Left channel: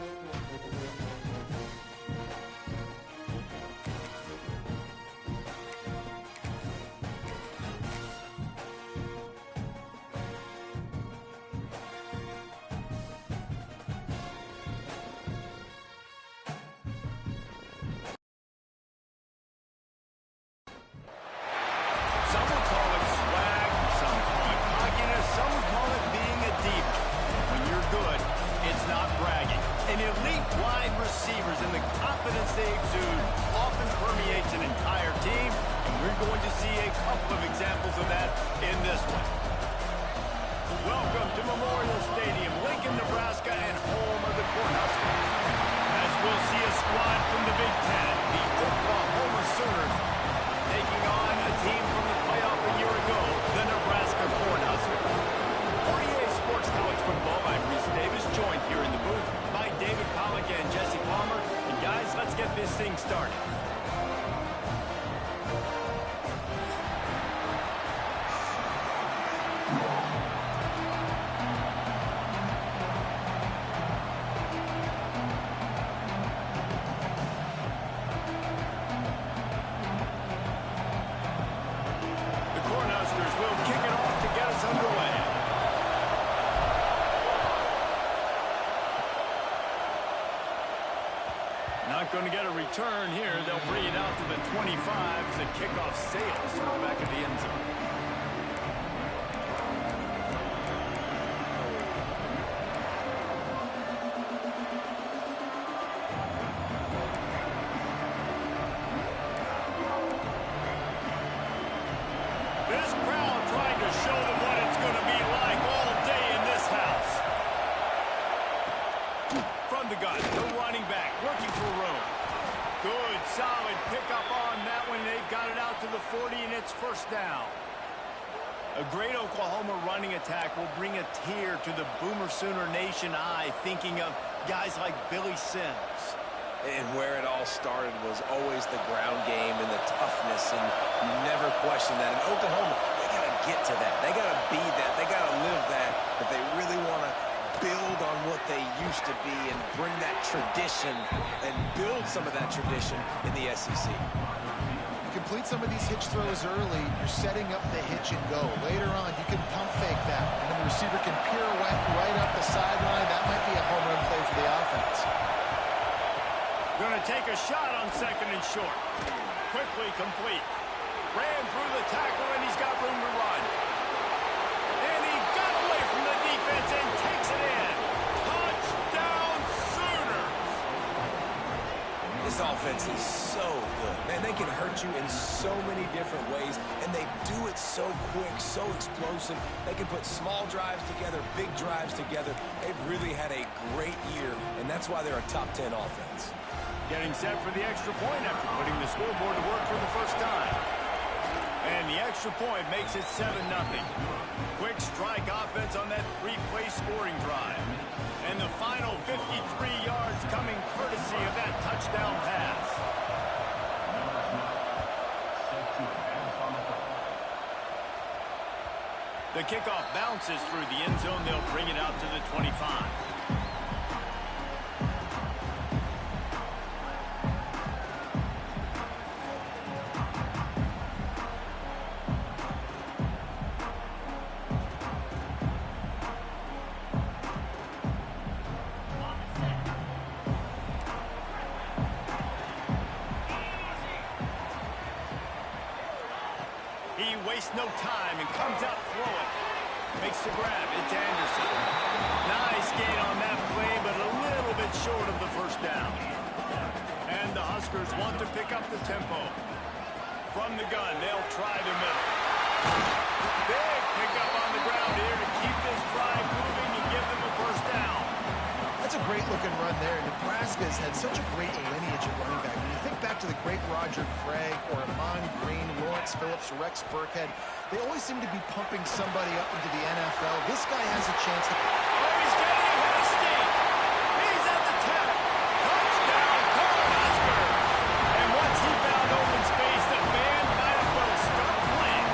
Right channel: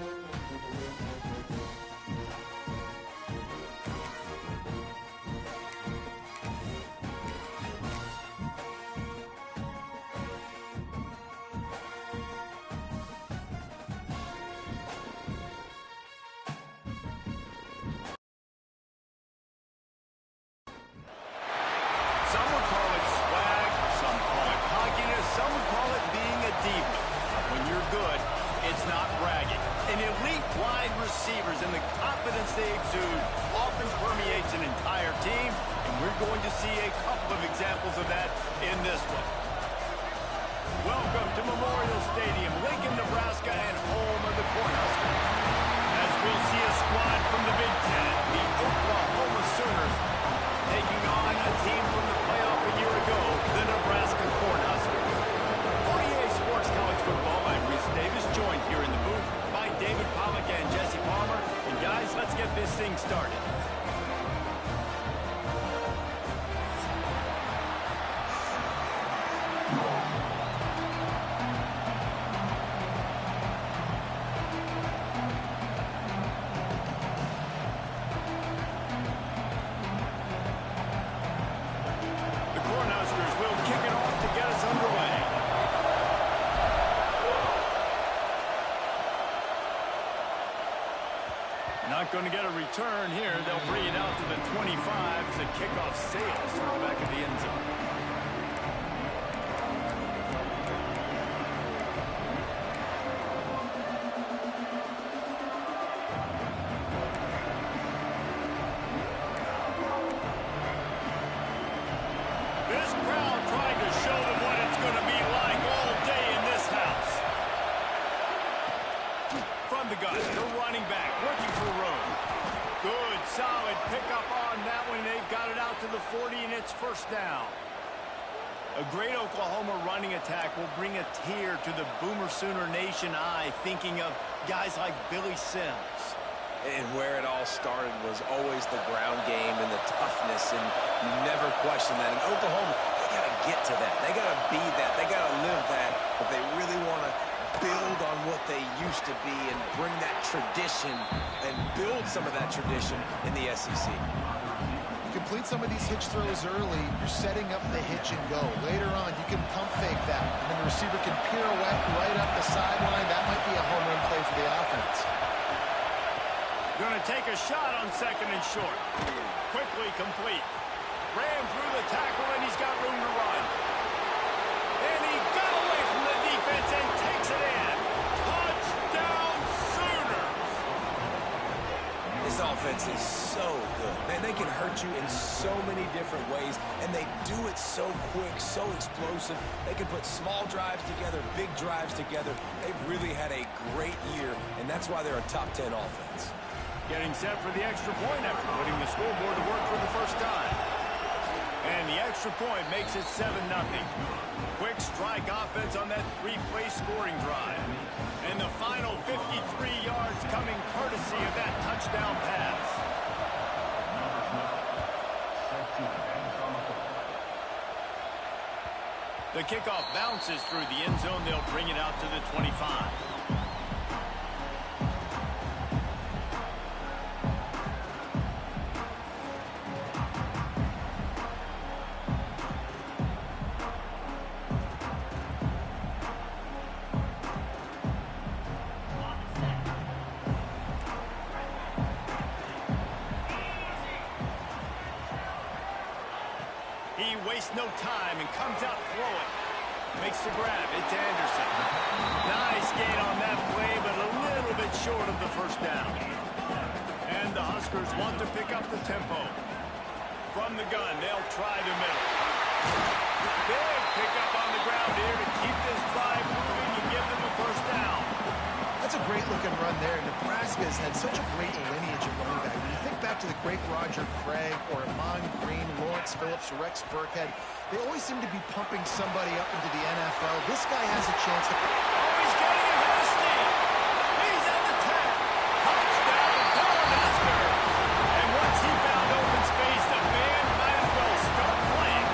Some would call it swag, some call it cockiness, some would call it being a diva. But when you're good, it's not bragging. An elite wide receivers and the confidence they exude often permeates an entire team, and we're going to see a couple of examples of that in this one. Welcome to Memorial Stadium, Lincoln, Nebraska, and home of the Cornhuskers. As we'll see a squad from the Big Ten, the Oklahoma Sooners, taking on a team from the playoff a year ago, the Nebraska Cornhuskers. 48 Sports College Football, I'm Reese Davis, joined here in the booth by David Pollack and Jesse Palmer. And guys, let's get this thing started. Cornhuskers will kick it off to get us underway. Not going to get a return here. They'll bring it out to the 25 as the kickoff sails through the back of the end zone. This crowd trying to show them what it's going to be like all day in this house. From the gun, the running back looking for room. Good, solid pickup on that one. They've got it out to the 40, and it's first down. A great Oklahoma running attack will bring a tear to the Boomer Sooner Nation eye, thinking of guys like Billy Sims. And where it all started was always the ground game and the toughness, and you never question that. In Oklahoma, they got to get to that. They got to be that. They got to live that if they really want to build on what they used to be and bring that tradition and build some of that tradition in the SEC. You complete some of these hitch throws early, you're setting up the hitch and go. Later on, you can pump fake that, and then the receiver can pirouette right up the sideline. That might be a home run play for the offense. Going to take a shot on second and short. Quickly complete. Ran through the tackle, and he's got room to run. And he got away from the defense and takes it in. Touchdown, Sooners! This offense is so good. Man, they can hurt you in so many different ways, and they do it so quick, so explosive. They can put small drives together, big drives together. They've really had a great year, and that's why they're a top 10 offense. Getting set for the extra point after putting the scoreboard to work for the first time. And the extra point makes it 7-0. Quick strike offense on that three-play scoring drive. And the final 53 yards coming courtesy of that touchdown pass. The kickoff bounces through the end zone. They'll bring it out to the 25. He wastes no time and comes out throwing. Makes the grab. It's Anderson. Nice gain on that play, but a little bit short of the first down. And the Huskers want to pick up the tempo. From the gun, they'll try the middle. Big pickup on the ground here to keep this drive moving and give them a first down. That's a great-looking run there. Nebraska has had such a great lineage of running back. When you think back to the great Roger Craig or Amon Green, Lawrence Phillips, Rex Burkhead, they always seem to be pumping somebody up into the NFL. This guy has a chance to... Oh, he's getting ahead of steam. He's at the 10. Touchdown, Cornhuskers. And once he found open space, the man might as well start playing.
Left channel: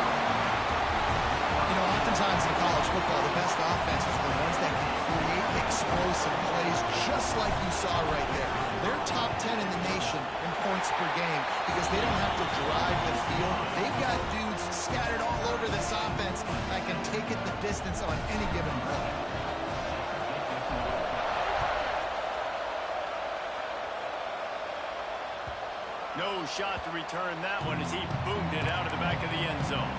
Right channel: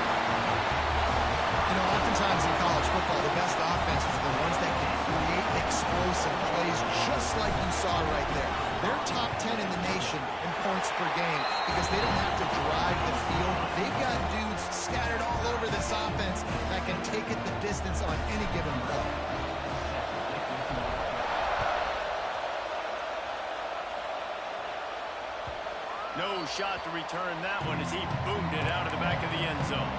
You know, oftentimes in college football, the best offenses are the ones that can create explosive plays, just like you saw star right there. They're top 10 in the nation in points per game because they don't have to drive the field. They've got dudes scattered all over this offense that can take it the distance on any given play. No shot to return that one as he boomed it out of the back of the end zone.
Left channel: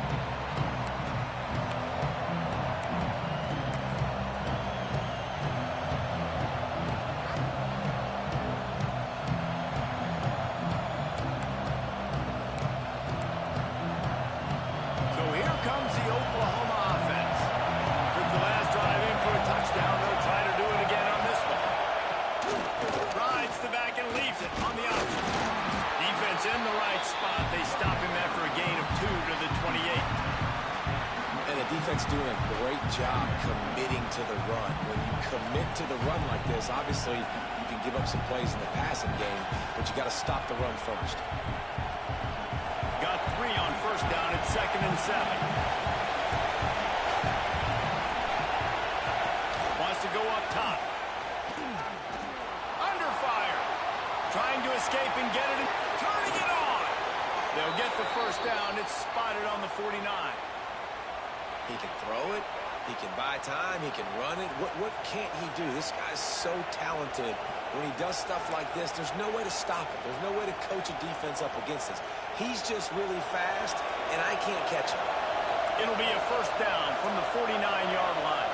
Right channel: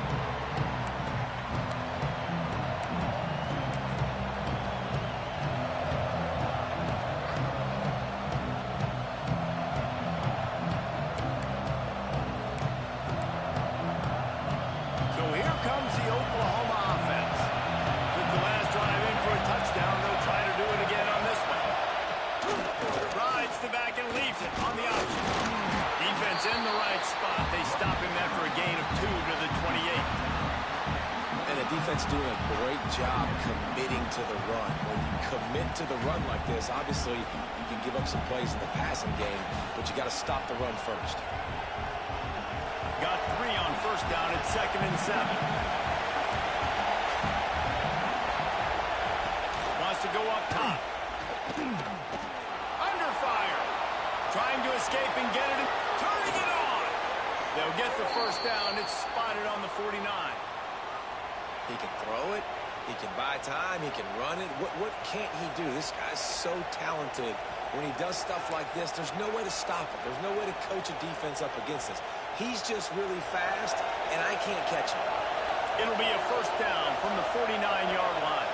So here comes the Oklahoma offense. Took the last drive in for a touchdown. They'll try to do it again on this one. Rides the back and leaves it on the option. Defense in the right spot. They stop him after a gain of 2 to the 28. And the defense doing a great job committing to the run. When you commit to the run like this, obviously you can give up some plays in the passing game, but you got to stop the run first. Got 3 on first down at 2nd and 7. Wants to go up top. Under fire. Trying to escape and get it. Turning it on. They'll get the first down. It's spotted on the 49. He can throw it. He can buy time. He can run it. What can't he do? This guy's so talented. When he does stuff like this, there's no way to stop it. There's no way to coach a defense up against this. He's just really fast, and I can't catch him. It'll be a first down from the 49-yard line.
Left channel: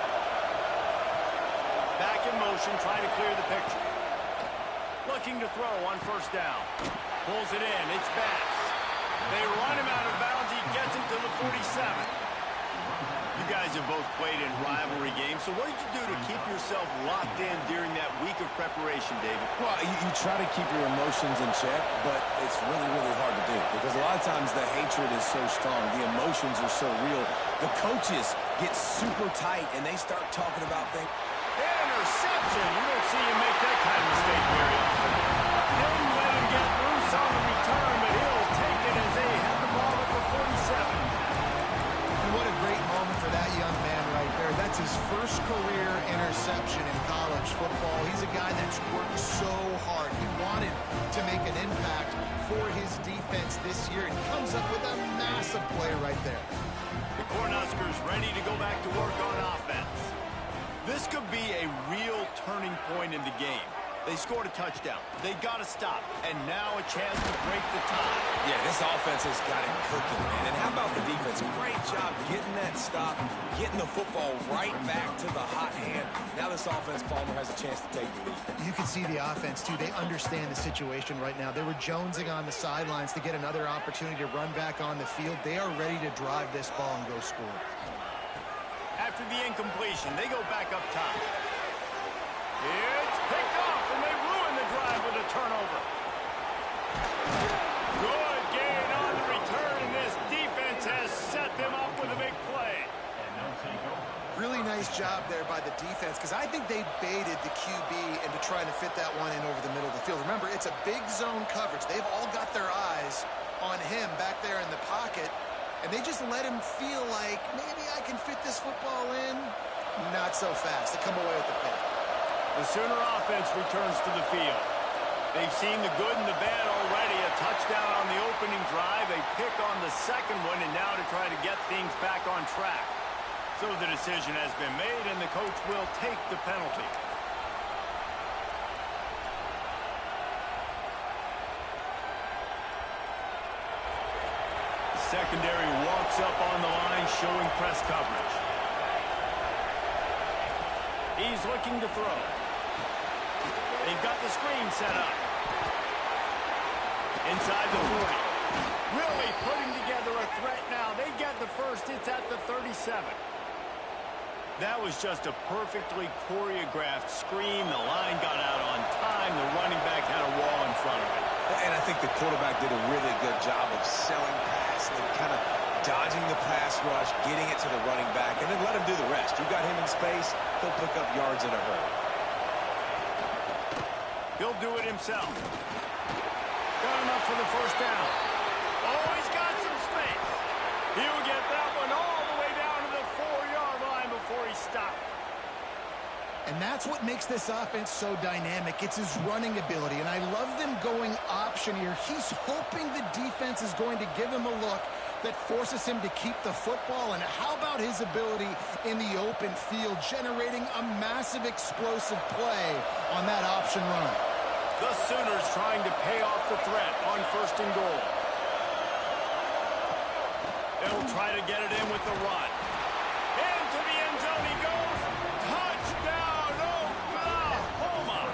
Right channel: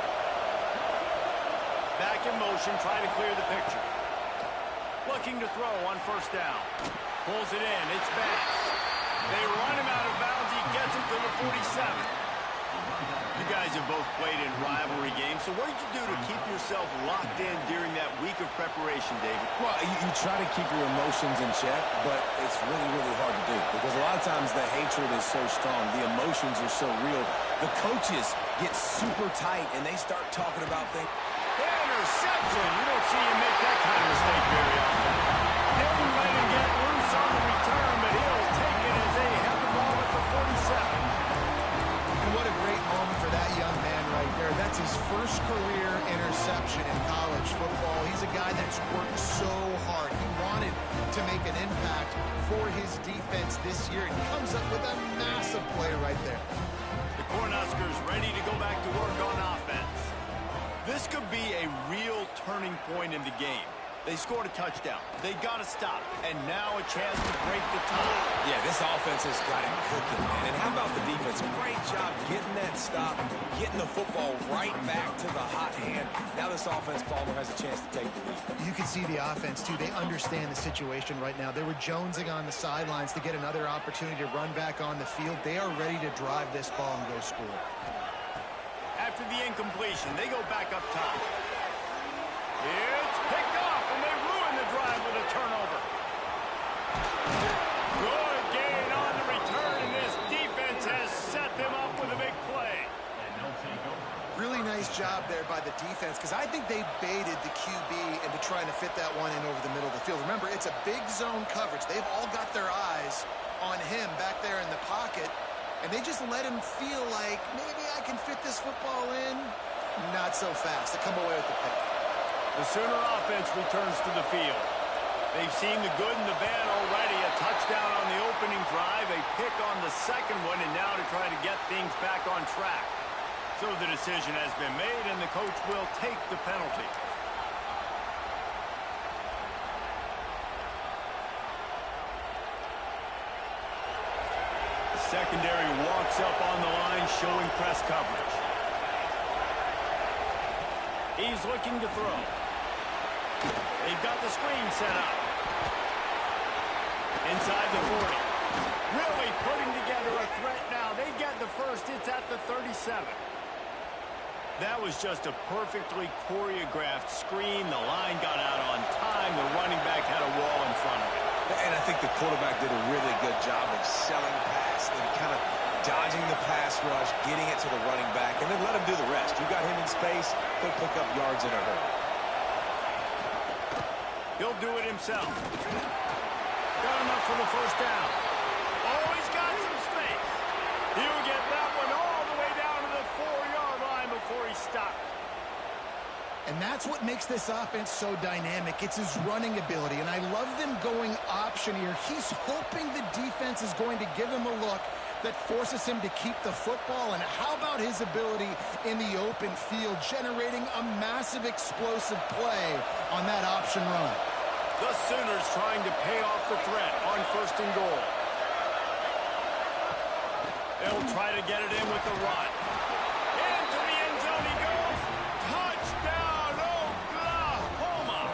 Back in motion, trying to clear the picture. Looking to throw on first down. Pulls it in. It's Bass. They run him out of bounds. He gets him to the 47. You guys have both played in rivalry games, so what did you do to keep yourself locked in during that week of preparation, David? Well, you try to keep your emotions in check, but it's really, really hard to do because a lot of times the hatred is so strong. The emotions are so real. The coaches get super tight, and they start talking about things. Interception. You don't see him make that kind of mistake very often. Didn't let him get loose on the return, but he'll take it as they have the ball at the 47. And what a great moment for that young man right there. That's his first career interception in college football. He's a guy that's worked so hard. He wanted to make an impact for his defense this year, and comes up with a massive play right there. The Cornhuskers ready to go back to work on offense. This could be a real turning point in the game. They scored a touchdown. They got to stop. And now a chance to break the tie. Yeah, this offense has got him cooking, man. And how about the defense? Great job getting that stop, getting the football right back to the hot hand. Now this offense, Palmer, has a chance to take the lead. You can see the offense, too. They understand the situation right now. They were jonesing on the sidelines to get another opportunity to run back on the field. They are ready to drive this ball and go score. After the incompletion, they go back up top. It's picked off, and they ruin the drive with a turnover. Good gain on the return, and this defense has set them up with a big play. Really nice job there by the defense, because I think they baited the QB into trying to fit that one in over the middle of the field. Remember, it's a big zone coverage. They've all got their eyes on him back there in the pocket, and they just let him feel like, maybe I can fit this football in. Not so fast. They come away with the pick. The Sooner offense returns to the field. They've seen the good and the bad already. A touchdown on the opening drive, a pick on the second one, and now to try to get things back on track. So the decision has been made, and the coach will take the penalty. The secondary walks up on the line, showing press coverage. He's looking to throw. They've got the screen set up. Inside the 40. Really putting together a threat now. They get the first. It's at the 37. That was just a perfectly choreographed screen. The line got out on time. The running back had a wall in front of it. And I think the quarterback did a really good job of selling pass and kind of dodging the pass rush, getting it to the running back, and then let him do the rest. You got him in space, he'll pick up yards in a hurry. He'll do it himself. Got enough for the first down. Oh, he's got some space. He'll get that one all the way down to the 4-yard line before he stopped. And that's what makes this offense so dynamic. It's his running ability, and I love them going option here. He's hoping the defense is going to give him a look that forces him to keep the football. And how about his ability in the open field, generating a massive explosive play on that option run? The Sooners trying to pay off the threat on 1st and goal. They'll try to get it in with the run. Into the end zone he goes. Touchdown, Oklahoma!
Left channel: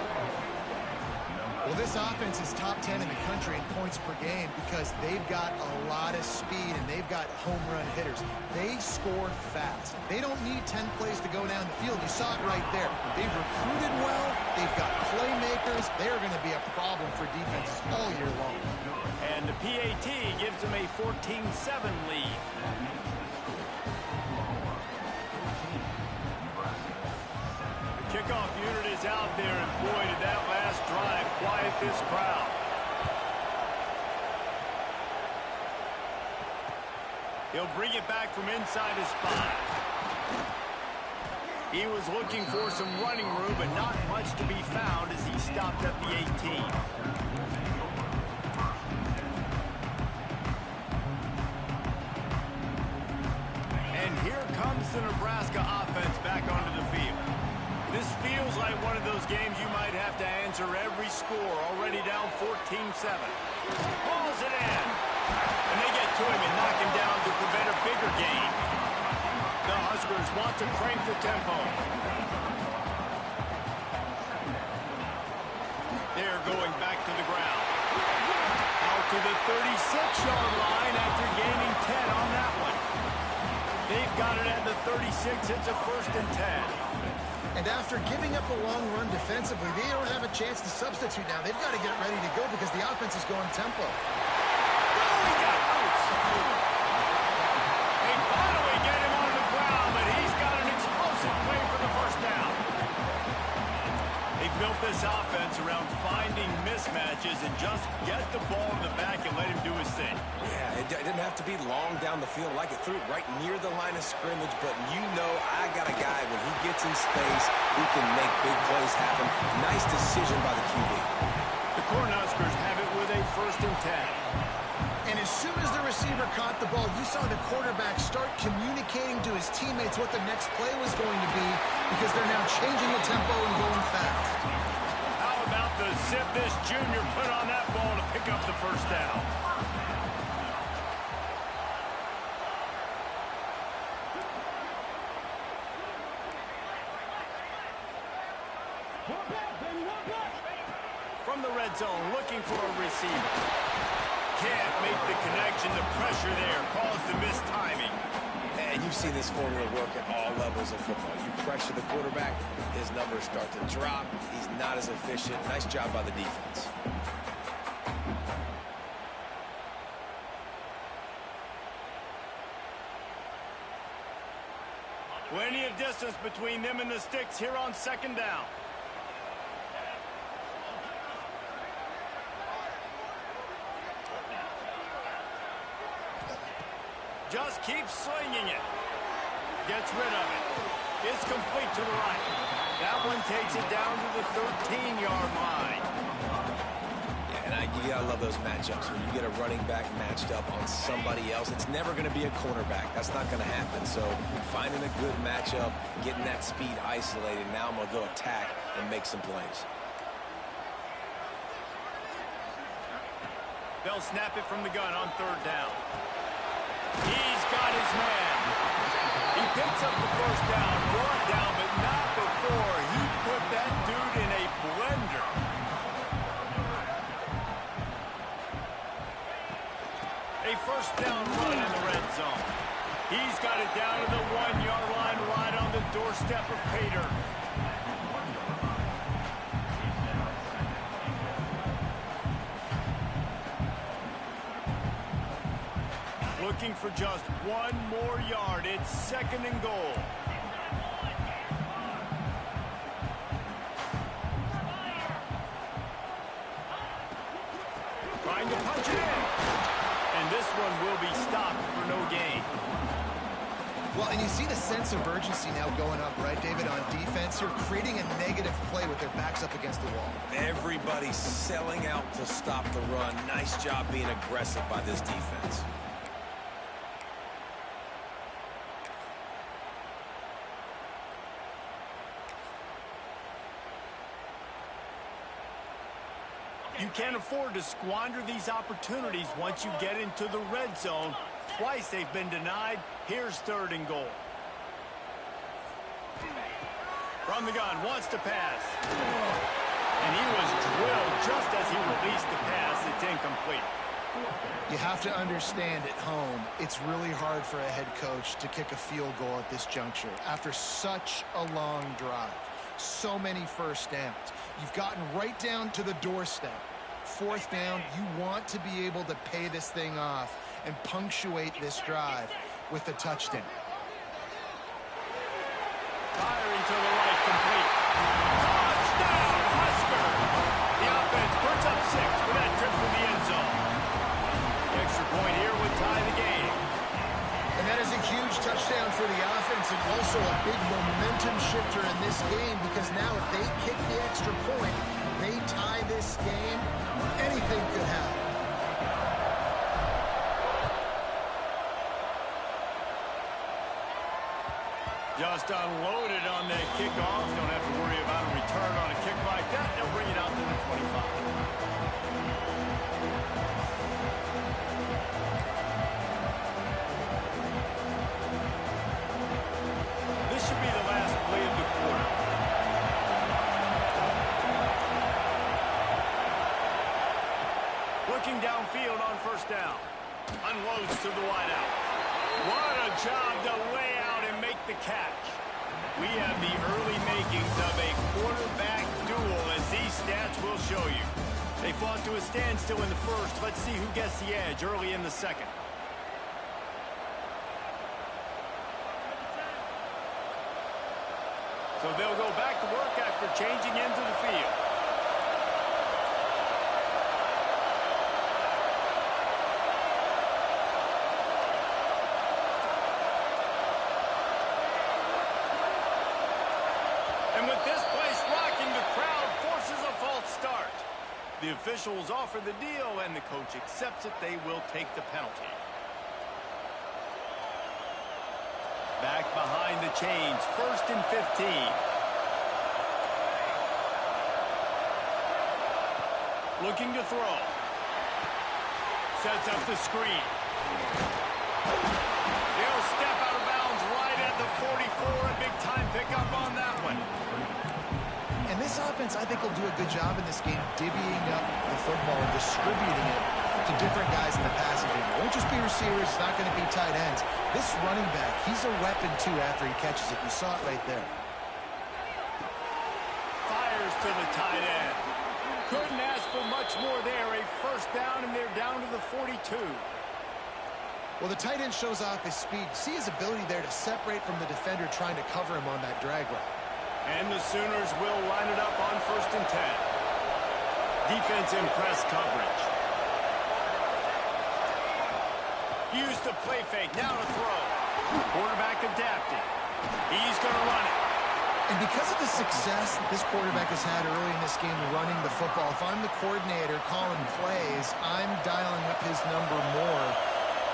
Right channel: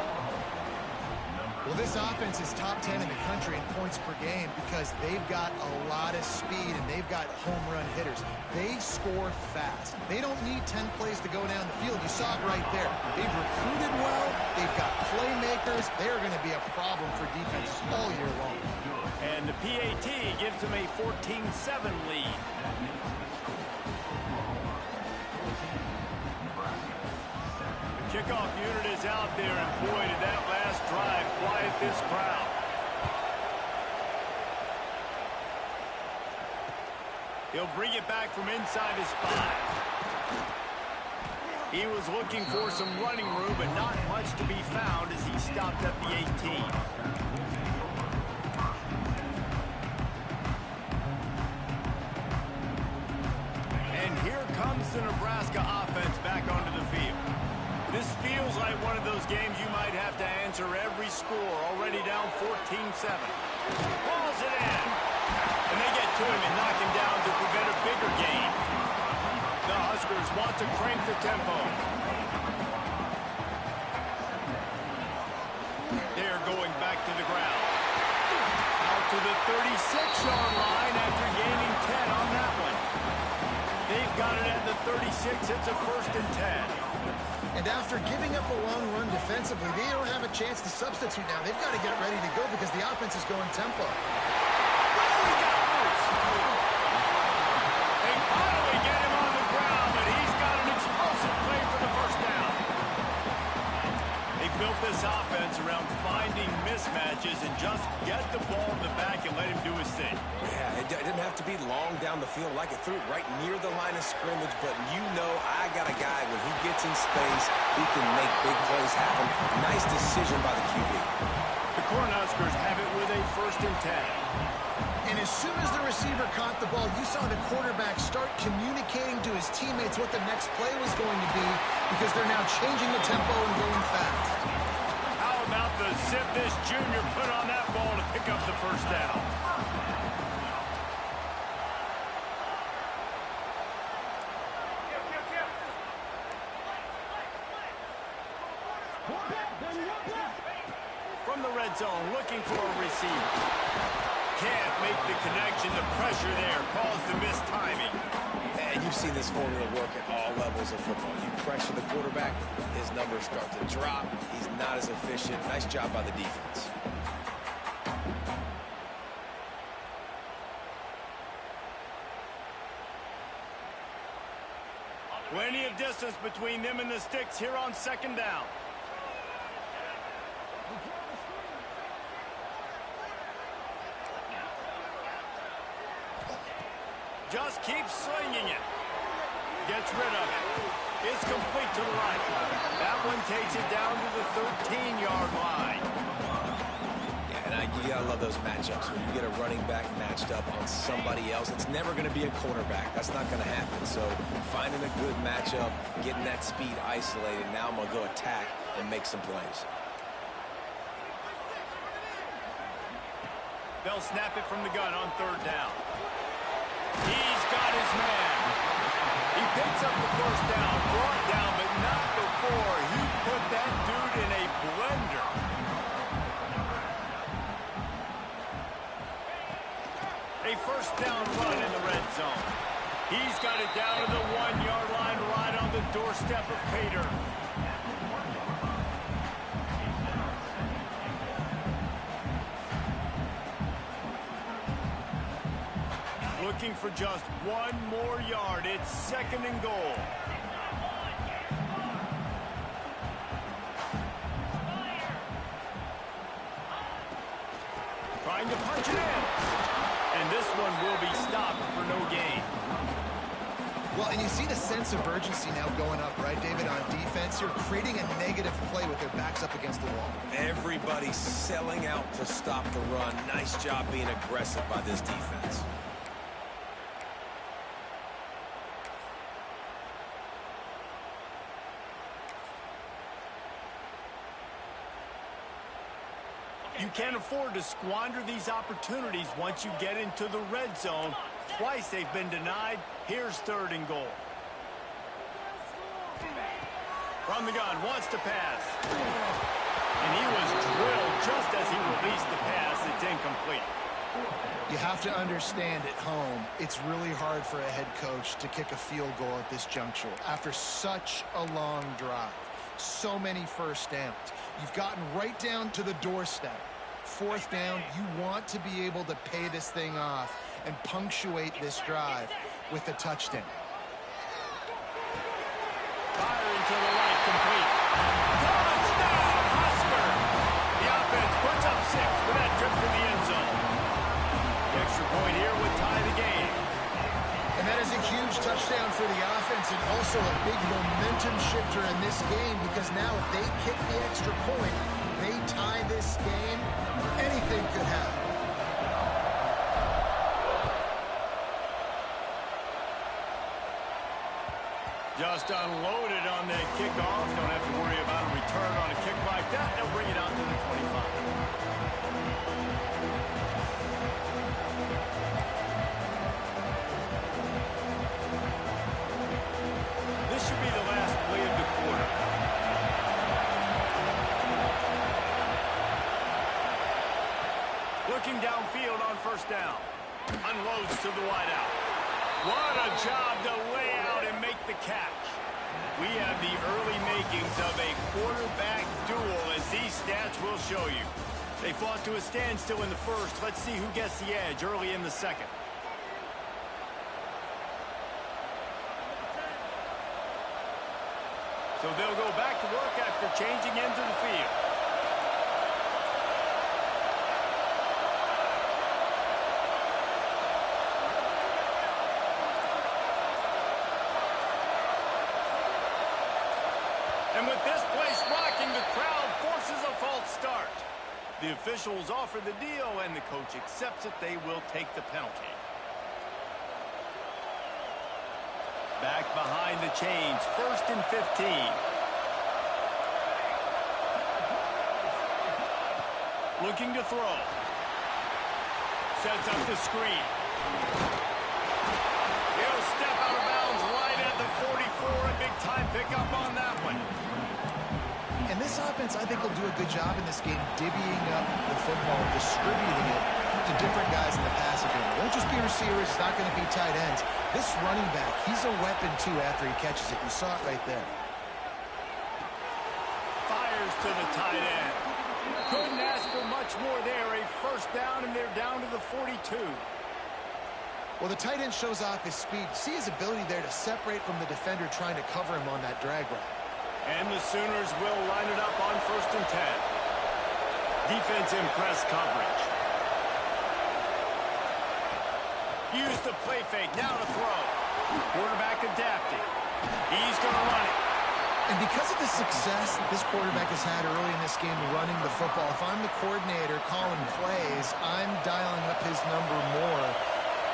Well, this offense is top 10 in the country in points per game because they've got a lot of speed and they've got home run hitters. They score fast. They don't need 10 plays to go down the field. You saw it right there. They've recruited well. They've got playmakers. They're going to be a problem for defenses all year long. And the PAT gives them a 14-7 lead. The kickoff unit is out there, and boy, did that last drive quiet this crowd. He'll bring it back from inside his 5. He was looking for some running room, but not much to be found as he stopped at the 18. And here comes the Nebraska offense back onto the field. This feels like one of those games you might have to answer every score, already down 14-7. Hauls it in. And they get to him and knock him down to prevent a bigger gain. The Huskers want to crank the tempo. They're going back to the ground. Out to the 36-yard line after gaining 10 on that one. They've got it at the 36. It's a 1st and 10. And after giving up a long run defensively, they don't have a chance to substitute now. They've got to get ready to go because the offense is going tempo. Oh, he got loose. They finally get him on the ground, but he's got an explosive play for the 1st down. They built this offense around finding mismatches and just get the ball to the back and let him do his thing. Yeah, it didn't have to be long down the field. Like it threw it right near the line of scrimmage, but you know I got a guy when he gets in space, he can make big plays happen. Nice decision by the QB. The Cornhuskers have it with a 1st and 10. And as soon as the receiver caught the ball, you saw the quarterback start communicating to his teammates what the next play was going to be because they're now changing the tempo and going fast. How about the zip this junior put on that ball to pick up the 1st down? From the red zone, looking for a receiver. Can't make the connection. The pressure there caused the missed timing. And you've seen this formula work at all levels of football. You pressure the quarterback, his numbers start to drop. He's not as efficient. Nice job by the defense. Plenty of distance between them and the sticks here on 2nd down. Just keeps slinging it. Gets rid of it. It's complete to the right. That one takes it down to the 13-yard line. Yeah, and you gotta love those matchups. When you get a running back matched up on somebody else, it's never gonna be a cornerback. That's not gonna happen. So finding a good matchup, getting that speed isolated, now I'm gonna go attack and make some plays. They'll snap it from the gun on 3rd down. He's got his man. He picks up the 1st down, brought down, but not before he put that dude in a blender. A 1st down run in the red zone. He's got it down to the 1-yard line right on the doorstep of Pater. Looking for just 1 more yard. It's 2nd and goal. Trying to punch it in. And this one will be stopped for no gain. Well, and you see the sense of urgency now going up, right, David, on defense. You're creating a negative play with their backs up against the wall. Everybody's selling out to stop the run. Nice job being aggressive by this defense. You can't afford to squander these opportunities once you get into the red zone. Twice they've been denied. Here's 3rd and goal. From the gun, wants to pass. And he was drilled just as he released the pass. It's incomplete. You have to understand at home, it's really hard for a head coach to kick a field goal at this juncture after such a long drive. So many first downs. You've gotten right down to the doorstep. 4th down, you want to be able to pay this thing off and punctuate this drive with a touchdown. Firing to the right, complete. Touchdown, Husker! The offense puts up 6 with that trip to the end zone. The extra point here would tie the game. And that is a huge touchdown for the offense and also a big momentum shifter in this game, because now if they kick the extra point, they tie this game, anything could happen. Just unloaded on that kickoff. Don't have to worry about a return on a kick like that. They'll bring it out to the 25. This should be the last play of the quarter. Looking downfield on 1st down. Unloads to the wideout. What a job to lay out and make the catch. We have the early makings of a quarterback duel, as these stats will show you. They fought to a standstill in the 1st. Let's see who gets the edge early in the 2nd. So they'll go back to work after changing into the field. And with this place rocking, the crowd forces a false start. The officials offer the deal, and the coach accepts it. They will take the penalty. Back behind the chains, 1st and 15. Looking to throw. Sets up the screen. He'll step out of bounds right at the 44. A big-time pickup on that one. And this offense, I think, will do a good job in this game divvying up the football and distributing it to different guys in the passing game. It won't just be receivers. It's not going to be tight ends. This running back, he's a weapon, too, after he catches it. You saw it right there. Fires to the tight end. Couldn't ask for much more there. A 1st down, and they're down to the 42. Well, the tight end shows off his speed. See his ability there to separate from the defender trying to cover him on that drag route. And the Sooners will line it up on 1st and 10. Defense in press coverage. Use the play fake, now to throw. Quarterback adapting. He's going to run it. And because of the success this quarterback has had early in this game running the football, if I'm the coordinator calling plays, I'm dialing up his number more.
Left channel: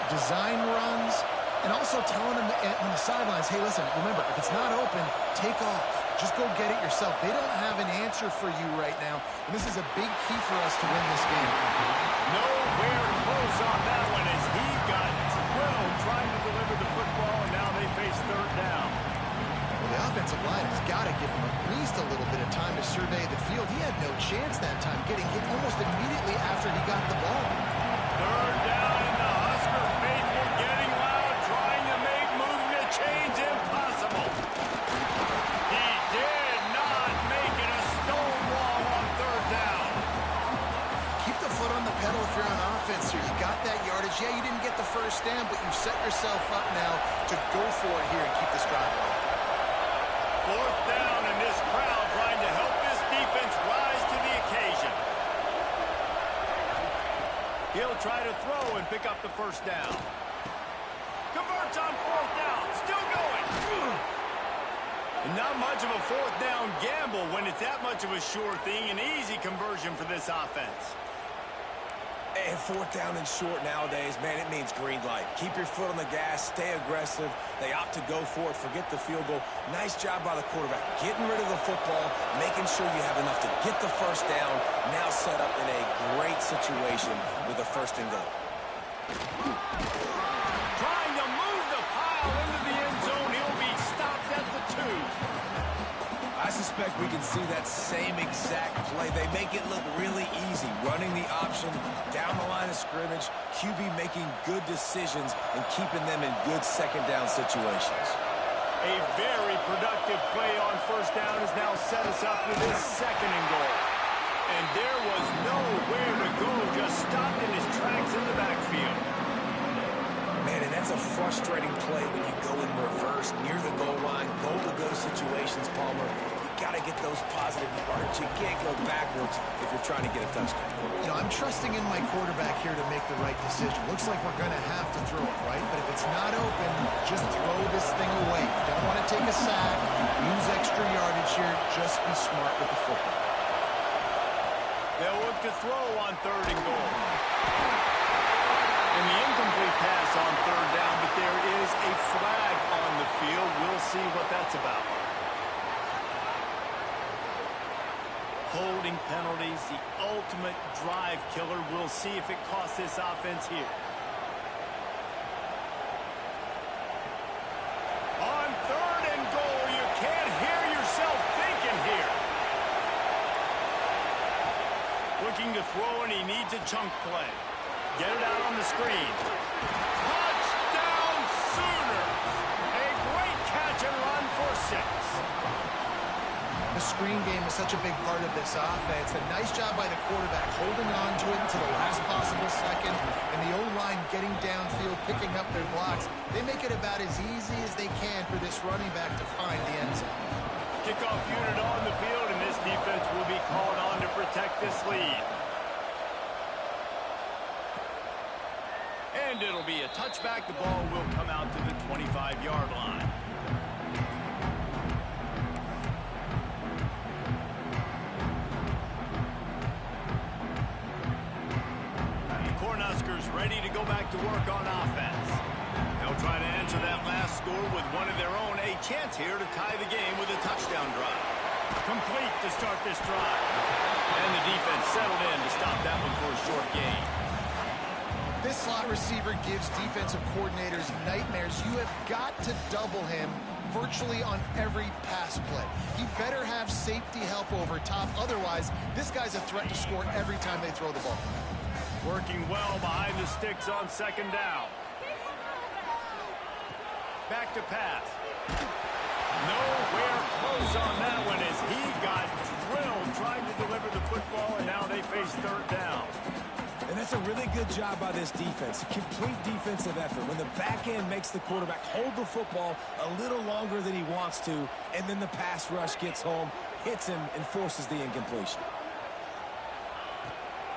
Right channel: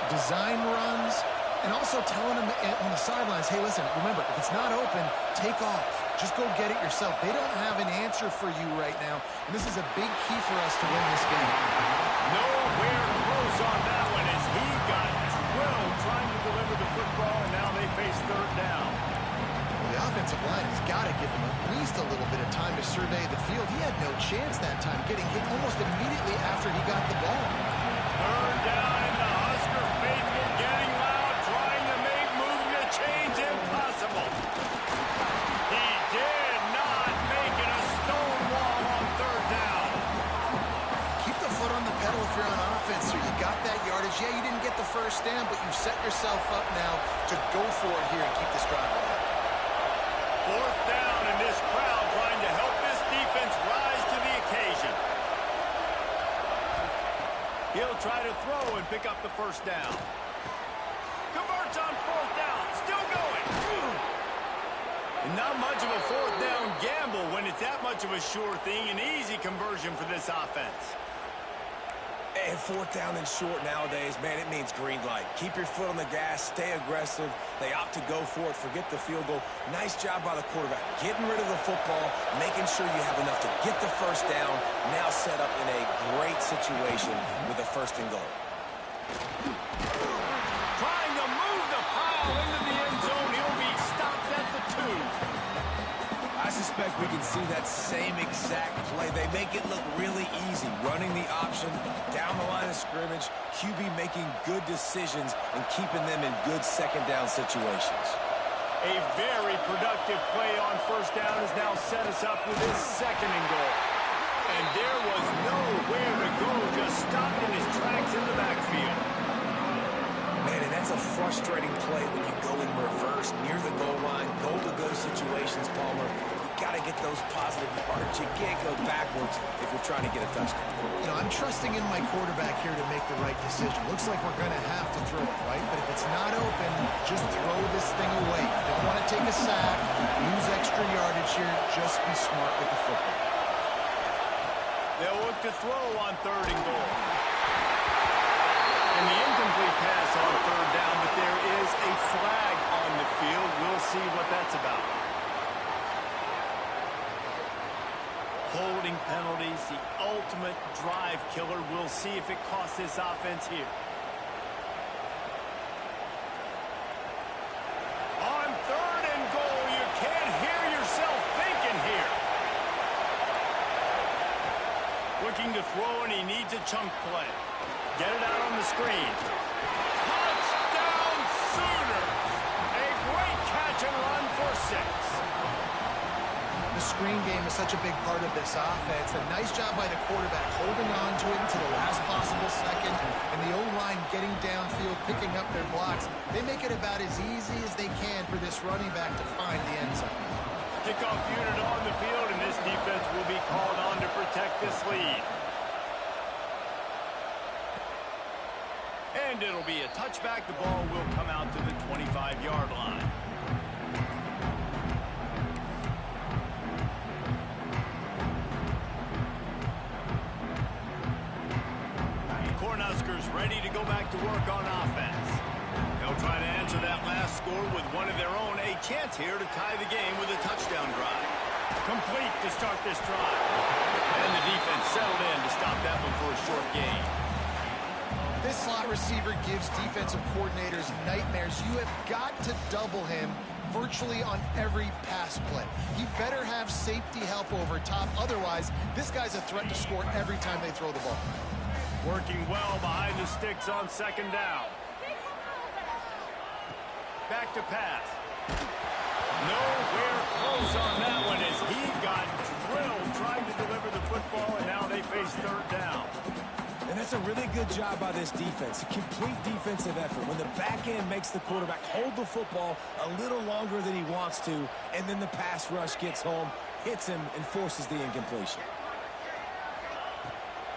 Design runs, and also telling him on the sidelines, hey, listen, remember, if it's not open, take off. Just go get it yourself. They don't have an answer for you right now, and this is a big key for us to win this game. Nowhere close on that one as he got drilled trying to deliver the football, and now they face 3rd down. Well, the offensive line has got to give him at least a little bit of time to survey the field. He had no chance that time, getting hit almost immediately after he got the ball. 3rd down, and the Husker faithful getting loud, trying to make movement change impossible. He did not make it a stone wall on 3rd down. Keep the foot on the pedal if you're on offense here. You got that yardage. Yeah, you didn't get the 1st down, but you've set yourself up now to go for it here and keep this drive alive. 4th down, and this crowd trying to help this defense rise to the occasion. He'll try to throw and pick up the 1st down. Converts on fourth down. Still going. And not much of a fourth down gamble when it's that much of a sure thing. An easy conversion for this offense. And fourth down and short nowadays, man, it means green light. Keep your foot on the gas, stay aggressive. They opt to go for it, forget the field goal. Nice job by the quarterback, getting rid of the football, making sure you have enough to get the first down. Now set up in a great situation with a first and goal. Trying to move the pile into the end zone. He'll be stopped at the 2. I suspect we can see that same exact play. They make it look really easy, running the option down the line of scrimmage, QB making good decisions and keeping them in good second down situations. A very productive play on first down has now set us up with his second and goal. And there was nowhere to go, just stopped in his tracks in the backfield. Man, and that's a frustrating play when you go in reverse near the goal line, goal-to-go situations, Palmer. You got to get those positive yards. You can't go backwards if you're trying to get a touchdown. You know, I'm trusting in my quarterback here to make the right decision. Looks like we're going to have to throw it, right? But if it's not open, just throw this thing away. You don't want to take a sack, lose extra yardage here. Just be smart with the football. They'll look to throw on third and goal. And the incomplete pass on third down, but there is a flag on the field. We'll see what that's about. Holding penalties, the ultimate drive killer. We'll see if it costs this offense here. On third and goal, you can't hear yourself thinking here. Looking to throw, and he needs a chunk play. Get it out on the screen. Touchdown Sooners! A great catch and run for 6. The screen game is such a big part of this offense. A nice job by the quarterback holding on to it until the last possible second. And the O-line getting downfield, picking up their blocks. They make it about as easy as they can for this running back to find the end zone. Kickoff unit on the field, and this defense will be called on to protect this lead. And it'll be a touchback. The ball will come out to the 25-yard line. The Cornhuskers ready to go back to work on offense. They'll try to answer that last score with one of their own. A chance here to tie the game with a touchdown drive. Complete to start this drive. And the defense settled in to stop that one for a short gain. This slot receiver gives defensive coordinators nightmares. You have got to double him virtually on every pass play. He better have safety help over top. Otherwise, this guy's a threat to score every time they throw the ball. Working well behind the sticks on second down. Back to pass. Nowhere close on that one as he got drilled trying to deliver the football, and now they face third down. And that's a really good job by this defense. A complete defensive effort. When the back end makes the quarterback hold the football a little longer than he wants to, and then the pass rush gets home, hits him, and forces the incompletion.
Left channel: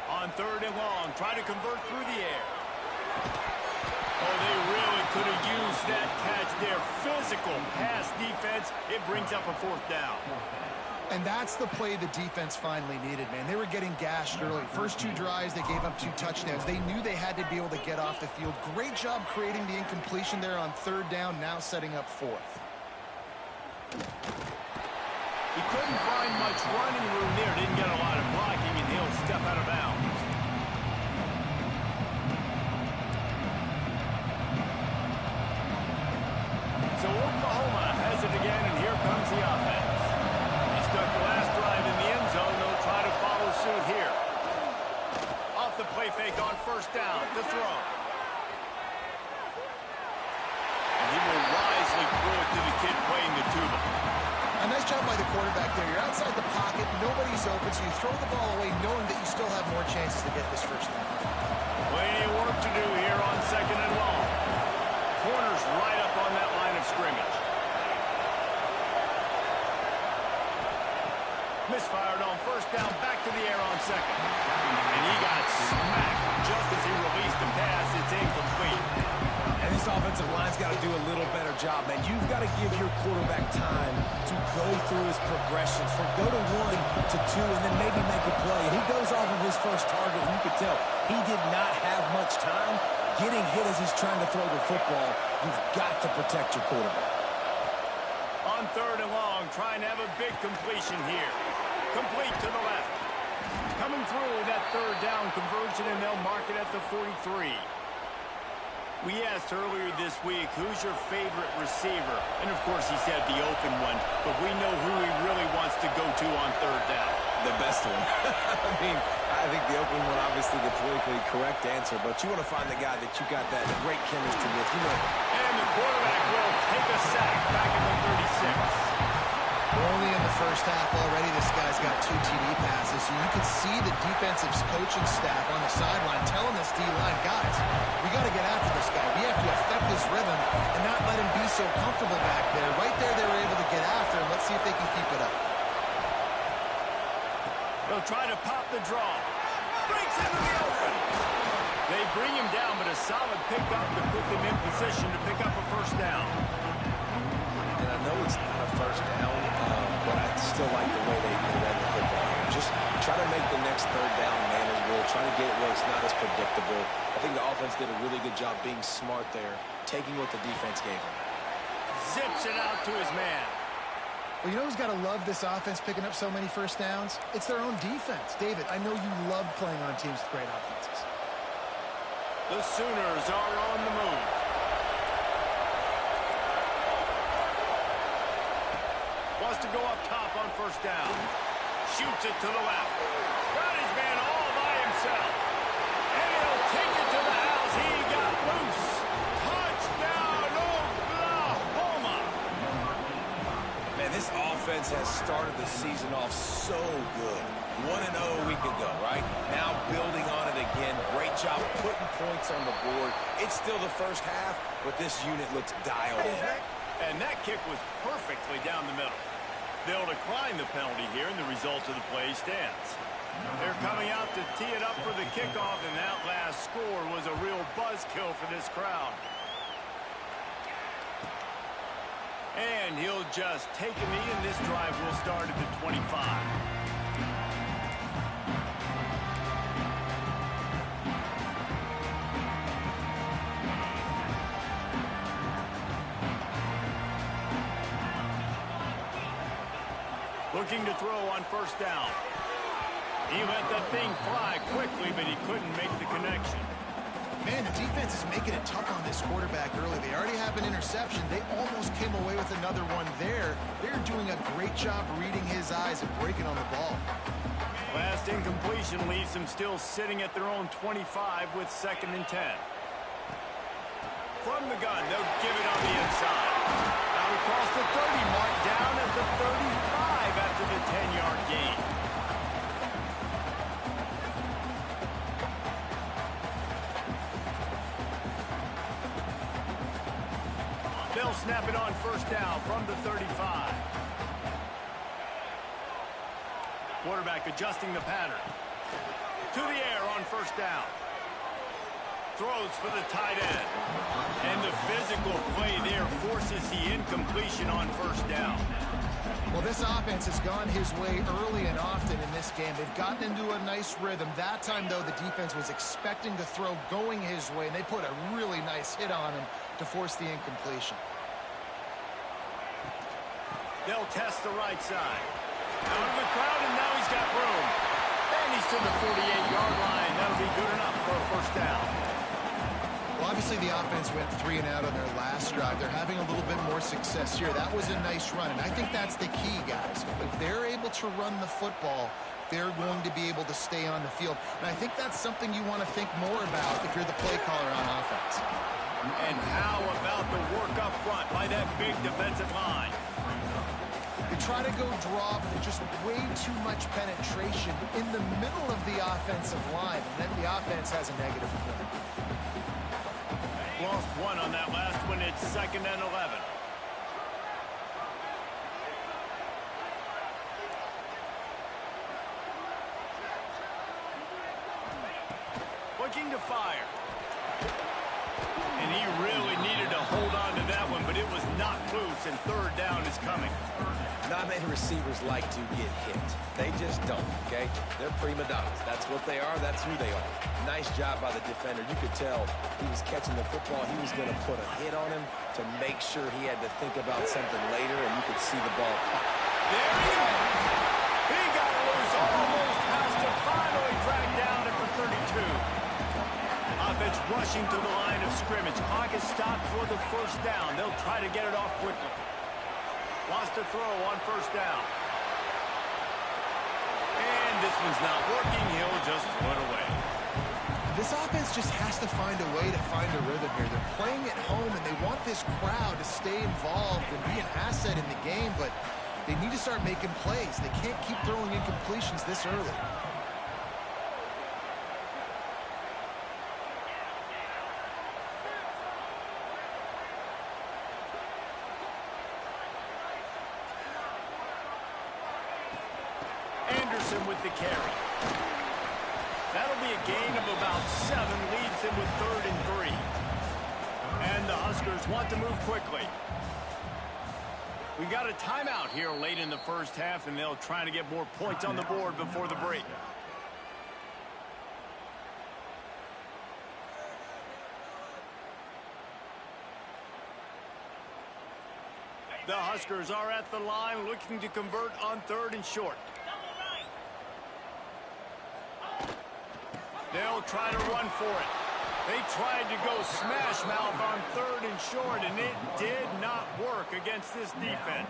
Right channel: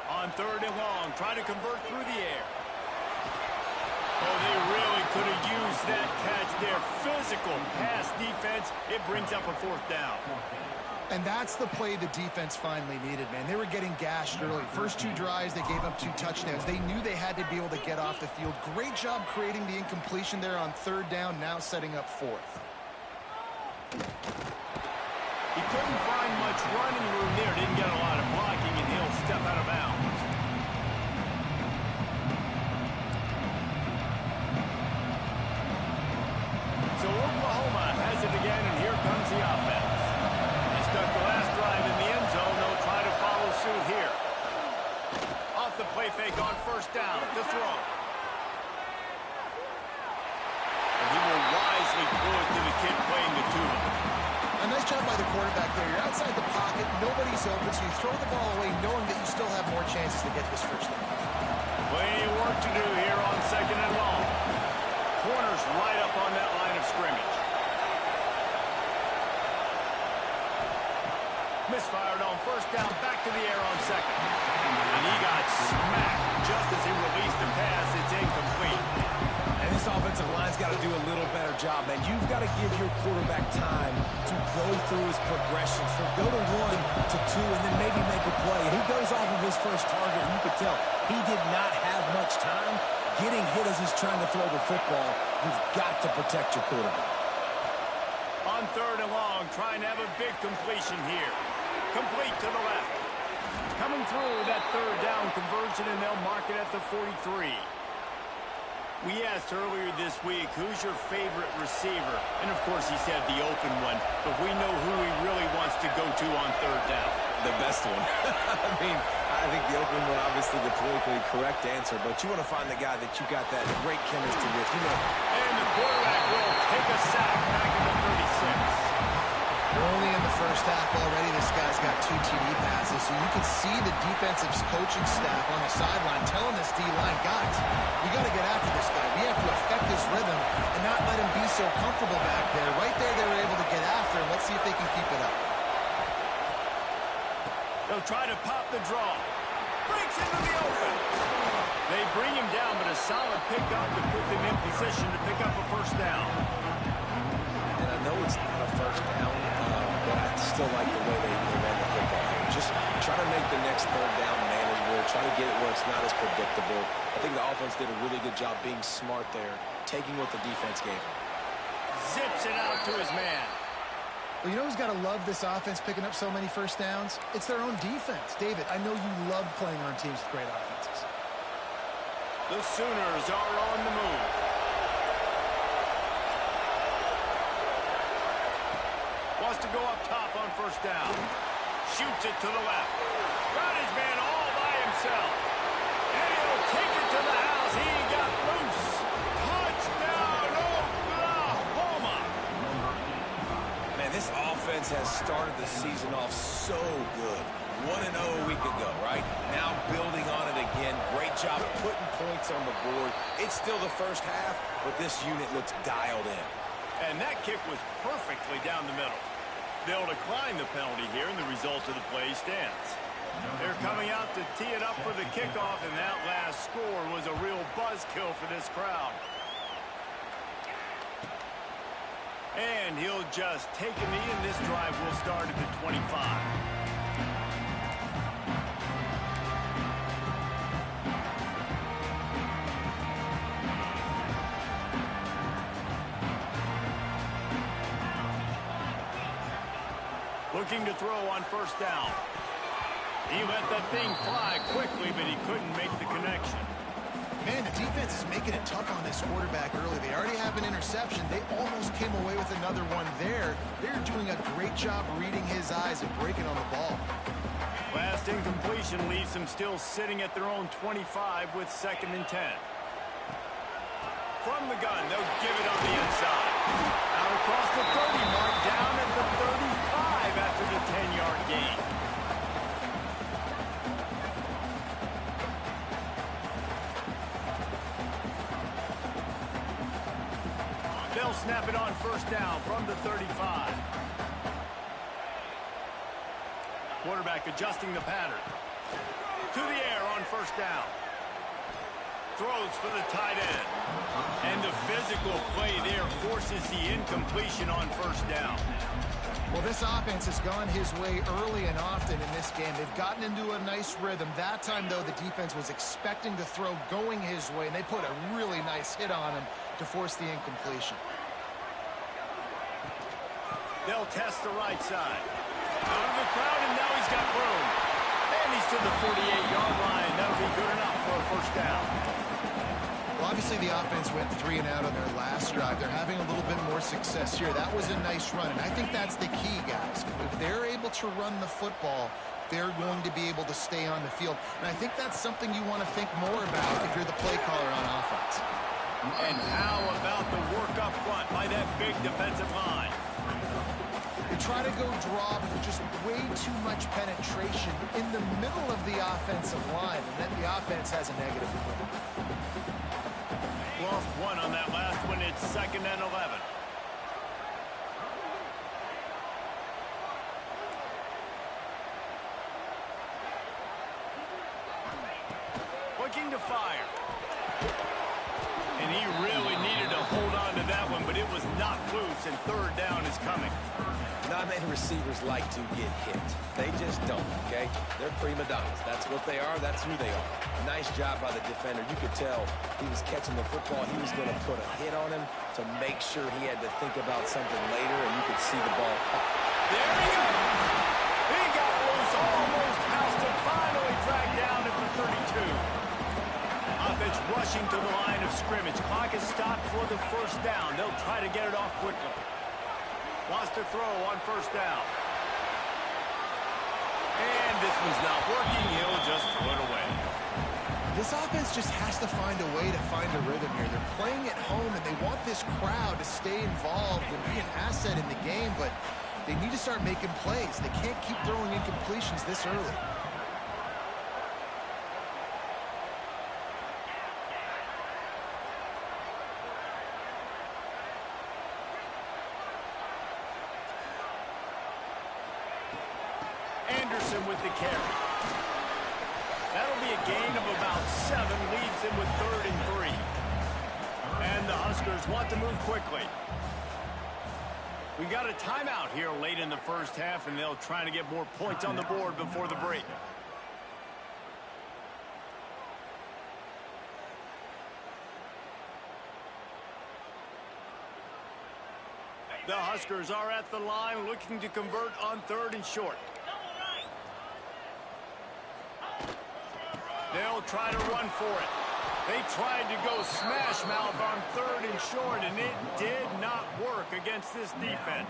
On third and long, try to convert through the air. Oh, they really could have used that catch there. Physical pass defense. It brings up a fourth down. And that's the play the defense finally needed, man. They were getting gashed early. First 2 drives, they gave up 2 touchdowns. They knew they had to be able to get off the field. Great job creating the incompletion there on third down, now setting up fourth. He couldn't find much running room there. Didn't get a lot of blocking, and he'll step out of bounds. So Oklahoma has it again, and here comes the offense. Stuck the last drive in the end zone. They'll try to follow suit here. Off the play fake on first down to throw. And he will wisely throw it to the kid playing the tuba. A nice job by the quarterback there. You're outside the pocket, nobody's open, so you throw the ball away knowing that you still have more chances to get this first down. Plenty of work to do here on second and long. Corners right up on that line of scrimmage. Misfired on first down, back to the air on second. And he got smacked just as he released the pass. It's incomplete. And This offensive line's got to do a little better job, man. You've got to give your quarterback time to go through his progressions, from go to 1 to 2, and then maybe make a play. And he goes off of his first target, and you could tell he did not have much time getting hit as he's trying to throw the football. You've got to protect your quarterback. On 3rd and long, trying to have a big completion here. Complete to the left. Coming through that 3rd down conversion, and they'll mark it at the 43. We asked earlier this week, who's your favorite receiver? And, of course, he said the open one, but we know who he really wants to go to on 3rd down. The best one. I think the open one, obviously the politically correct answer, but you want to find the guy that you got that great chemistry with. You know. And the quarterback will take a sack back at the 36. We're only in the first half already. This guy's got 2 TD passes, so you can see the defensive coaching staff on the sideline telling this D-line, guys, we got to get after this guy. We have to affect his rhythm and not let him be so comfortable back there. Right there, they were able to get after him. Let's see if they can keep it up. They'll try to pop the draw. Breaks into the open. They bring him down, but a solid pickup to put them in position to pick up a 1st down. And I know it's not a 1st down, but I still like the way they ran the football here. Just try to make the next 3rd down manageable. Try to get it where it's not as predictable. I think the offense did a really good job being smart there, taking what the defense gave him. Zips it out to his man. Well, you know who's got to love this offense picking up so many 1st downs? It's their own defense. David, I know you love playing on teams with great offenses. The Sooners are on the move. Wants to go up top on 1st down. Shoots it to the left. Got his man all by himself. And he'll take it to the house. He got loose. Touchdown, Oklahoma. Man, this offense has started the season off so good. 1-0 a week ago, right? Now building on it again. Great job putting points on the board. It's still the first half, but this unit looks dialed in. And that kick was perfectly down the middle. They'll decline the penalty here, and the result of the play stands. They're coming out to tee it up for the kickoff, and that last score was a real buzzkill for this crowd. And he'll just take a knee, and this drive will start at the 25. Looking to throw on 1st down. He let that thing fly quickly, but he couldn't make the connection. Man, the defense is making it tough on this quarterback early. They already have an interception. They almost came away with another one there. They're doing a great job reading his eyes and breaking on the ball. Last incompletion leaves them still sitting at their own 25 with 2nd and 10. From the gun, they'll give it on the inside. Out across the 30 mark, down at the 35 after the 10-yard gain. They'll snap it on 1st down from the 35. Quarterback adjusting the pattern. To the air on 1st down. Throws for the tight end. And the physical play there forces the incompletion on 1st down. Well, this offense has gone his way early and often in this game. They've gotten into a nice rhythm. That time, though, the defense was expecting the throw going his way, and they put a really nice hit on him to force the incompletion. They'll test the right side. Out of the crowd, and now he's got room. And he's to the 48-yard line. That'll be good enough for a 1st down. Well, obviously the offense went 3 and out on their last drive. They're having a little bit more success here. That was a nice run, and I think that's the key, guys. If they're able to run the football, they're going to be able to stay on the field. And I think that's something you want to think more about if you're the play caller on offense. And how about the work up front by that big defensive line? They try to go draw, but there's just way too much penetration in the middle of the offensive line, and then the offense has a negative point. Lost one on that last one. It's 2nd and 11. Looking to fire. And he really needed to hold on to that one, but it was knocked loose, and third down is coming. Not many receivers like to get hit. They just don't, okay? They're prima donnas. That's what they are. That's who they are. Nice job by the defender. You could tell he was catching the football. He was going to put a hit on him to make sure he had to think about something later, and you could see the ball pop. There he goes. He got loose, almost housed him, finally dragged down at the 32. Offense rushing to the line of scrimmage. Clock is stopped for the first down. They'll try to get it off quickly. Wants to throw on first down. And this one's not working. He'll just throw it away. This offense just has to find a way to find a rhythm here. They're playing at home, and they want this crowd to stay involved and be an asset in the game, but they need to start making plays. They can't keep throwing incompletions this early. With the carry. That'll be a gain of about 7, leaves him with 3rd and 3. And the Huskers want to move quickly. We got a timeout here late in the first half, and they'll try to get more points on the board before the break. The Huskers are at the line looking to convert on 3rd and short. They'll try to run for it. They tried to go smash mouth on 3rd and short, and it did not work against this defense.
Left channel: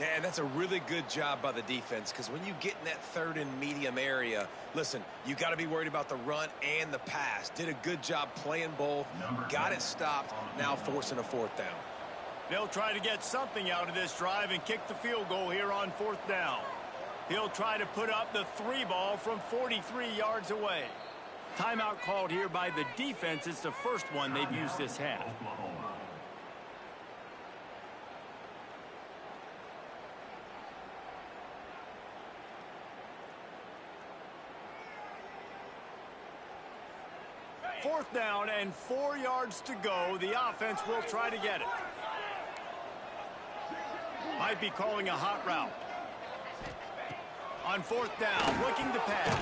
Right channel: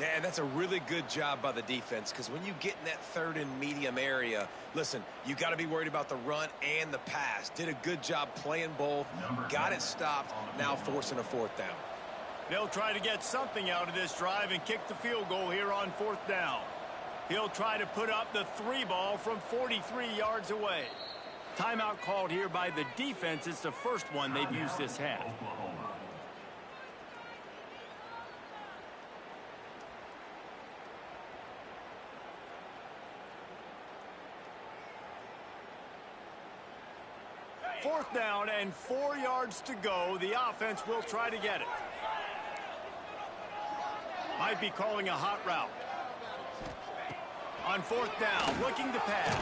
Yeah, and that's a really good job by the defense, because when you get in that 3rd and medium area, listen, you got to be worried about the run and the pass. Did a good job playing both, got it stopped, now forcing a 4th down. They'll try to get something out of this drive and kick the field goal here on 4th down. He'll try to put up the 3 ball from 43 yards away. Timeout called here by the defense. It's the first one they've used this half. Fourth down and 4 yards to go. The offense will try to get it. Might be calling a hot route. On 4th down, looking to pass.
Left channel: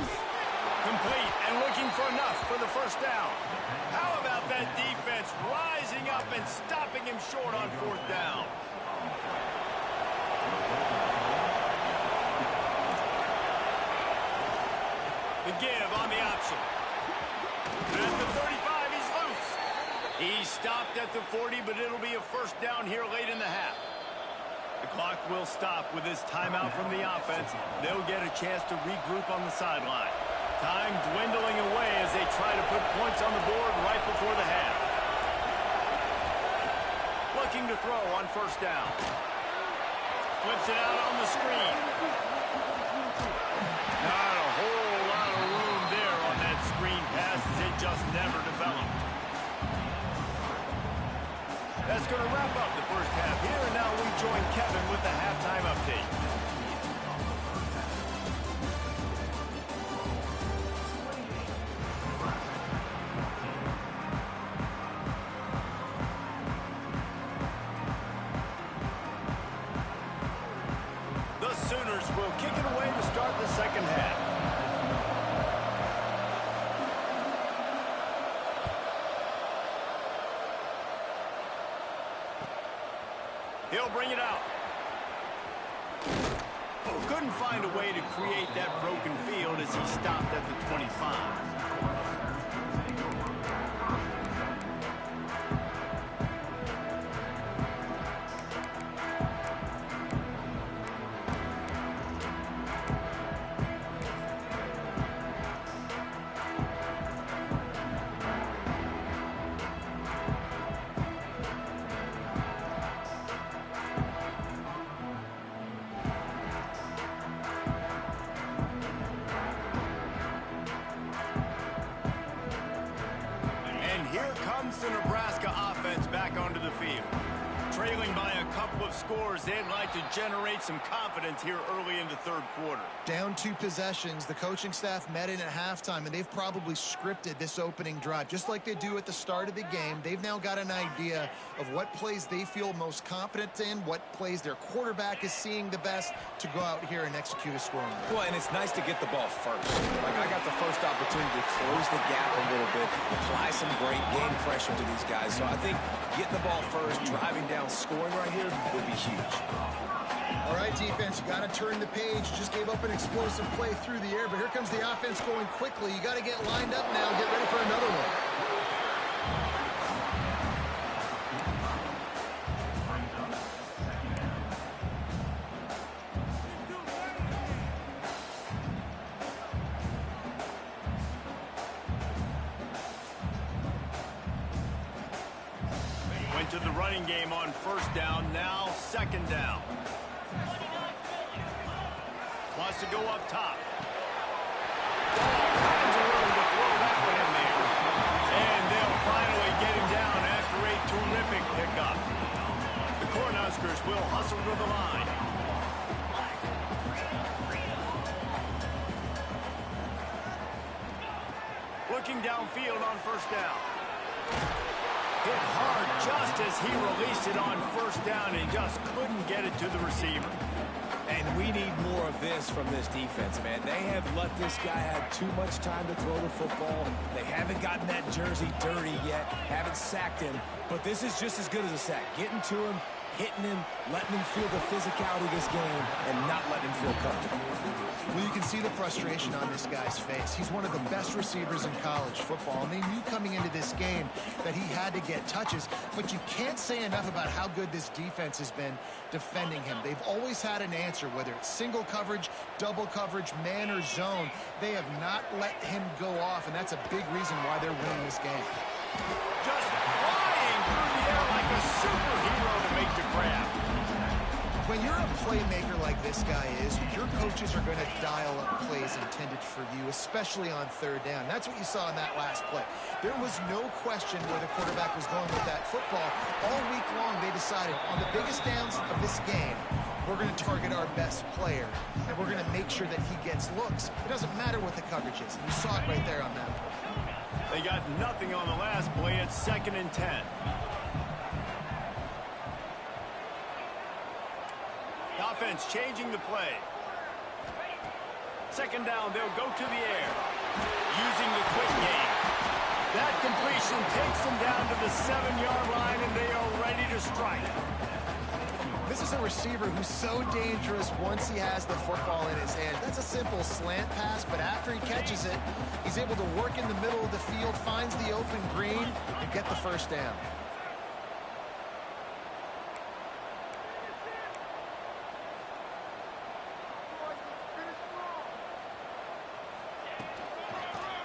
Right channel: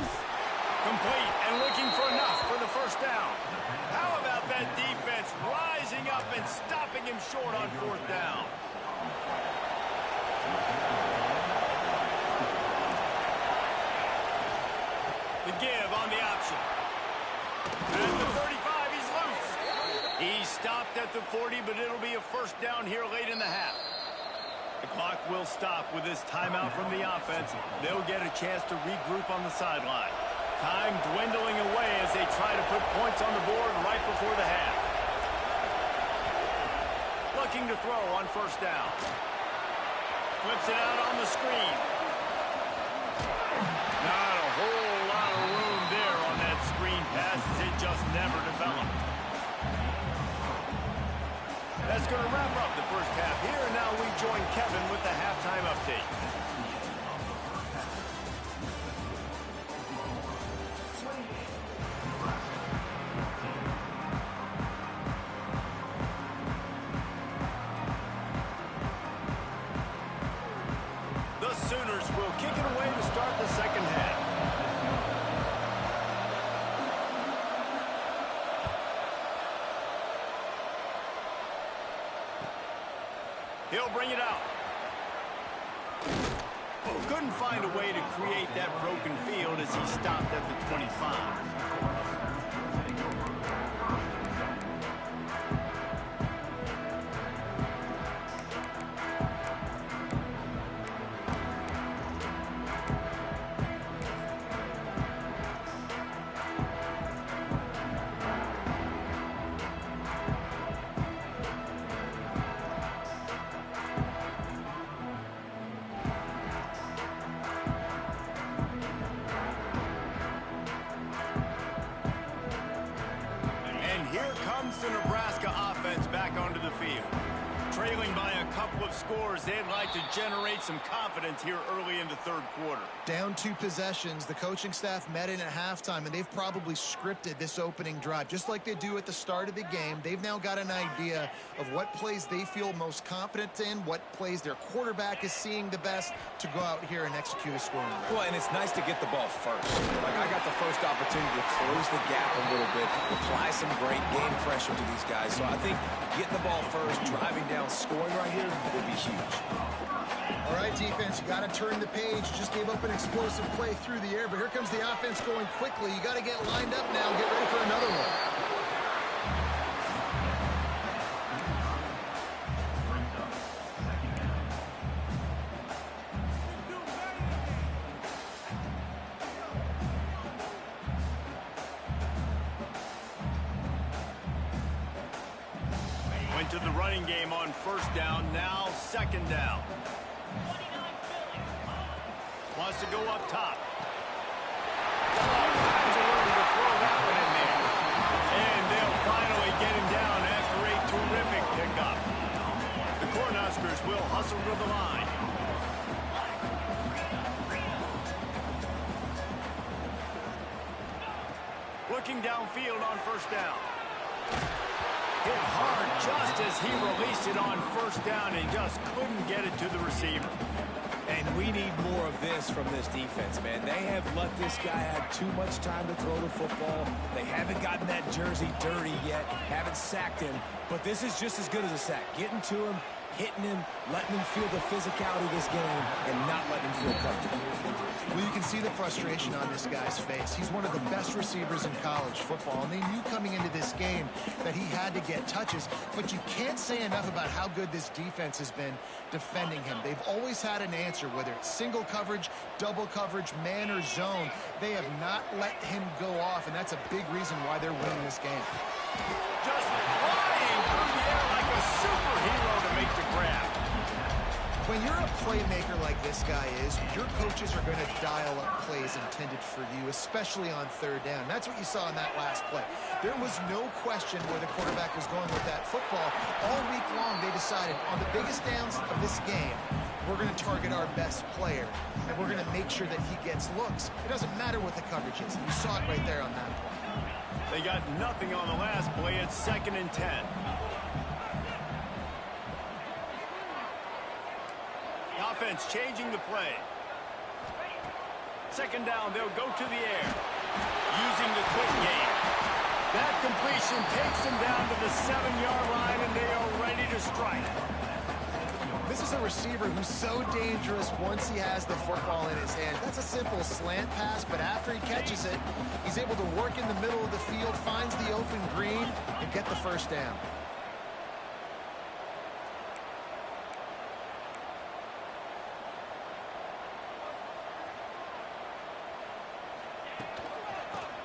Complete and looking for enough for the first down. How about that defense rising up and stopping him short on 4th down? The give on the option. At the 35, he's loose. He's stopped at the 40, but it'll be a first down here late in the half. The clock will stop with this timeout from the offense. They'll get a chance to regroup on the sideline. Time dwindling away as they try to put points on the board right before the half. Looking to throw on first down. Flips it out on the screen. Not a whole lot of room there on that screen pass as it just never developed. That's going to wrap up the first half here, and now we join Kevin with the halftime update. The Sooners will kick it away to start the second half. He'll bring it out. Oh, couldn't find a way to create that broken field as he stopped at the 25. The Nebraska offense back onto the field. trailing by a couple of scores. They'd like to generate some confidence here early in the third quarter. Down 2 possessions. The coaching staff met in at halftime, and they've probably scripted this opening drive. Just like they do at the start of the game, they've now got an idea of what plays they feel most confident in, what plays their quarterback is seeing the best to go out here and execute a scoring drive. Well, and it's nice to get the ball first. Like, I got the first opportunity to close the gap a little bit, apply some great game pressure to these guys. So I think getting the ball first, driving down, scoring right here would be huge. All right, defense, you got to turn the page. You just gave up an explosive play through the air, but here comes the offense going quickly. You got to get lined up now and get ready for another one. Went to the running game on first down, now second down. Wants to go up top. All kinds of room to throw that one in there. And they'll finally get him down after a terrific pickup. The Cornhuskers will hustle to the line. Looking downfield on first down. Hit hard just as he released it on first down and just couldn't get it to the receiver. And we need more of this from this defense, man. They have let this guy have too much time to throw the football. They haven't gotten that jersey dirty yet, haven't sacked him. But this is just as good as a sack. Getting to him, hitting him, letting him feel the physicality of this game, and not letting him feel comfortable. Well, you can see the frustration on this guy's face. He's one of the best receivers in college football, and they knew coming into this game that he had to get touches, but you can't say enough about how good this defense has been defending him. They've always had an answer, whether it's single coverage, double coverage, man or zone. They have not let him go off, and that's a big reason why they're winning this game. Just flying through the air like a superhero to make the grab. When you're a playmaker like this guy is, your coaches are going to dial up plays intended for you, especially on third down. That's what you saw in that last play. There was no question where the quarterback was going with that football. All week long, they decided on the biggest downs of this game, we're going to target our best player, and we're going to make sure that he gets looks. It doesn't matter what the coverage is. You saw it right there on that play. They got nothing on the last play. It's 2nd and 10. Offense changing the play. Second down, they'll go to the air. Using the quick game. That completion takes them down to the 7-yard line, and they are ready to strike. This is a receiver who's so dangerous once he has the football in his hand. That's a simple slant pass, but after he catches it, he's able to work in the middle of the field, finds the open green, and get the first down.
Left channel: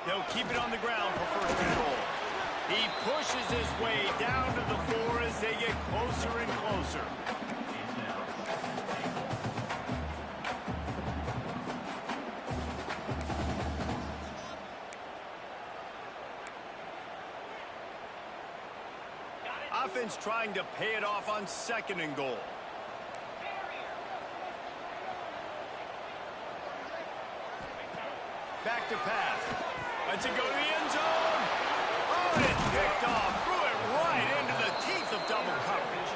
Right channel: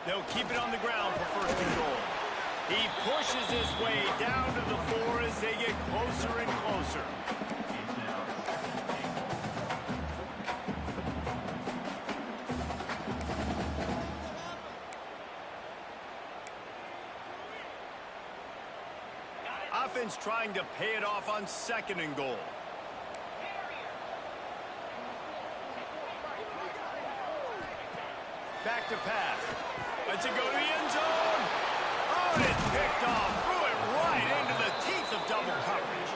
They'll keep it on the ground for first and goal. He pushes his way down to the 4 as they get closer and closer. Offense trying to pay it off on 2nd and goal. Back to pass. Lets it go to the end zone. Oh, and it's picked off. Threw it right into the teeth of double coverage.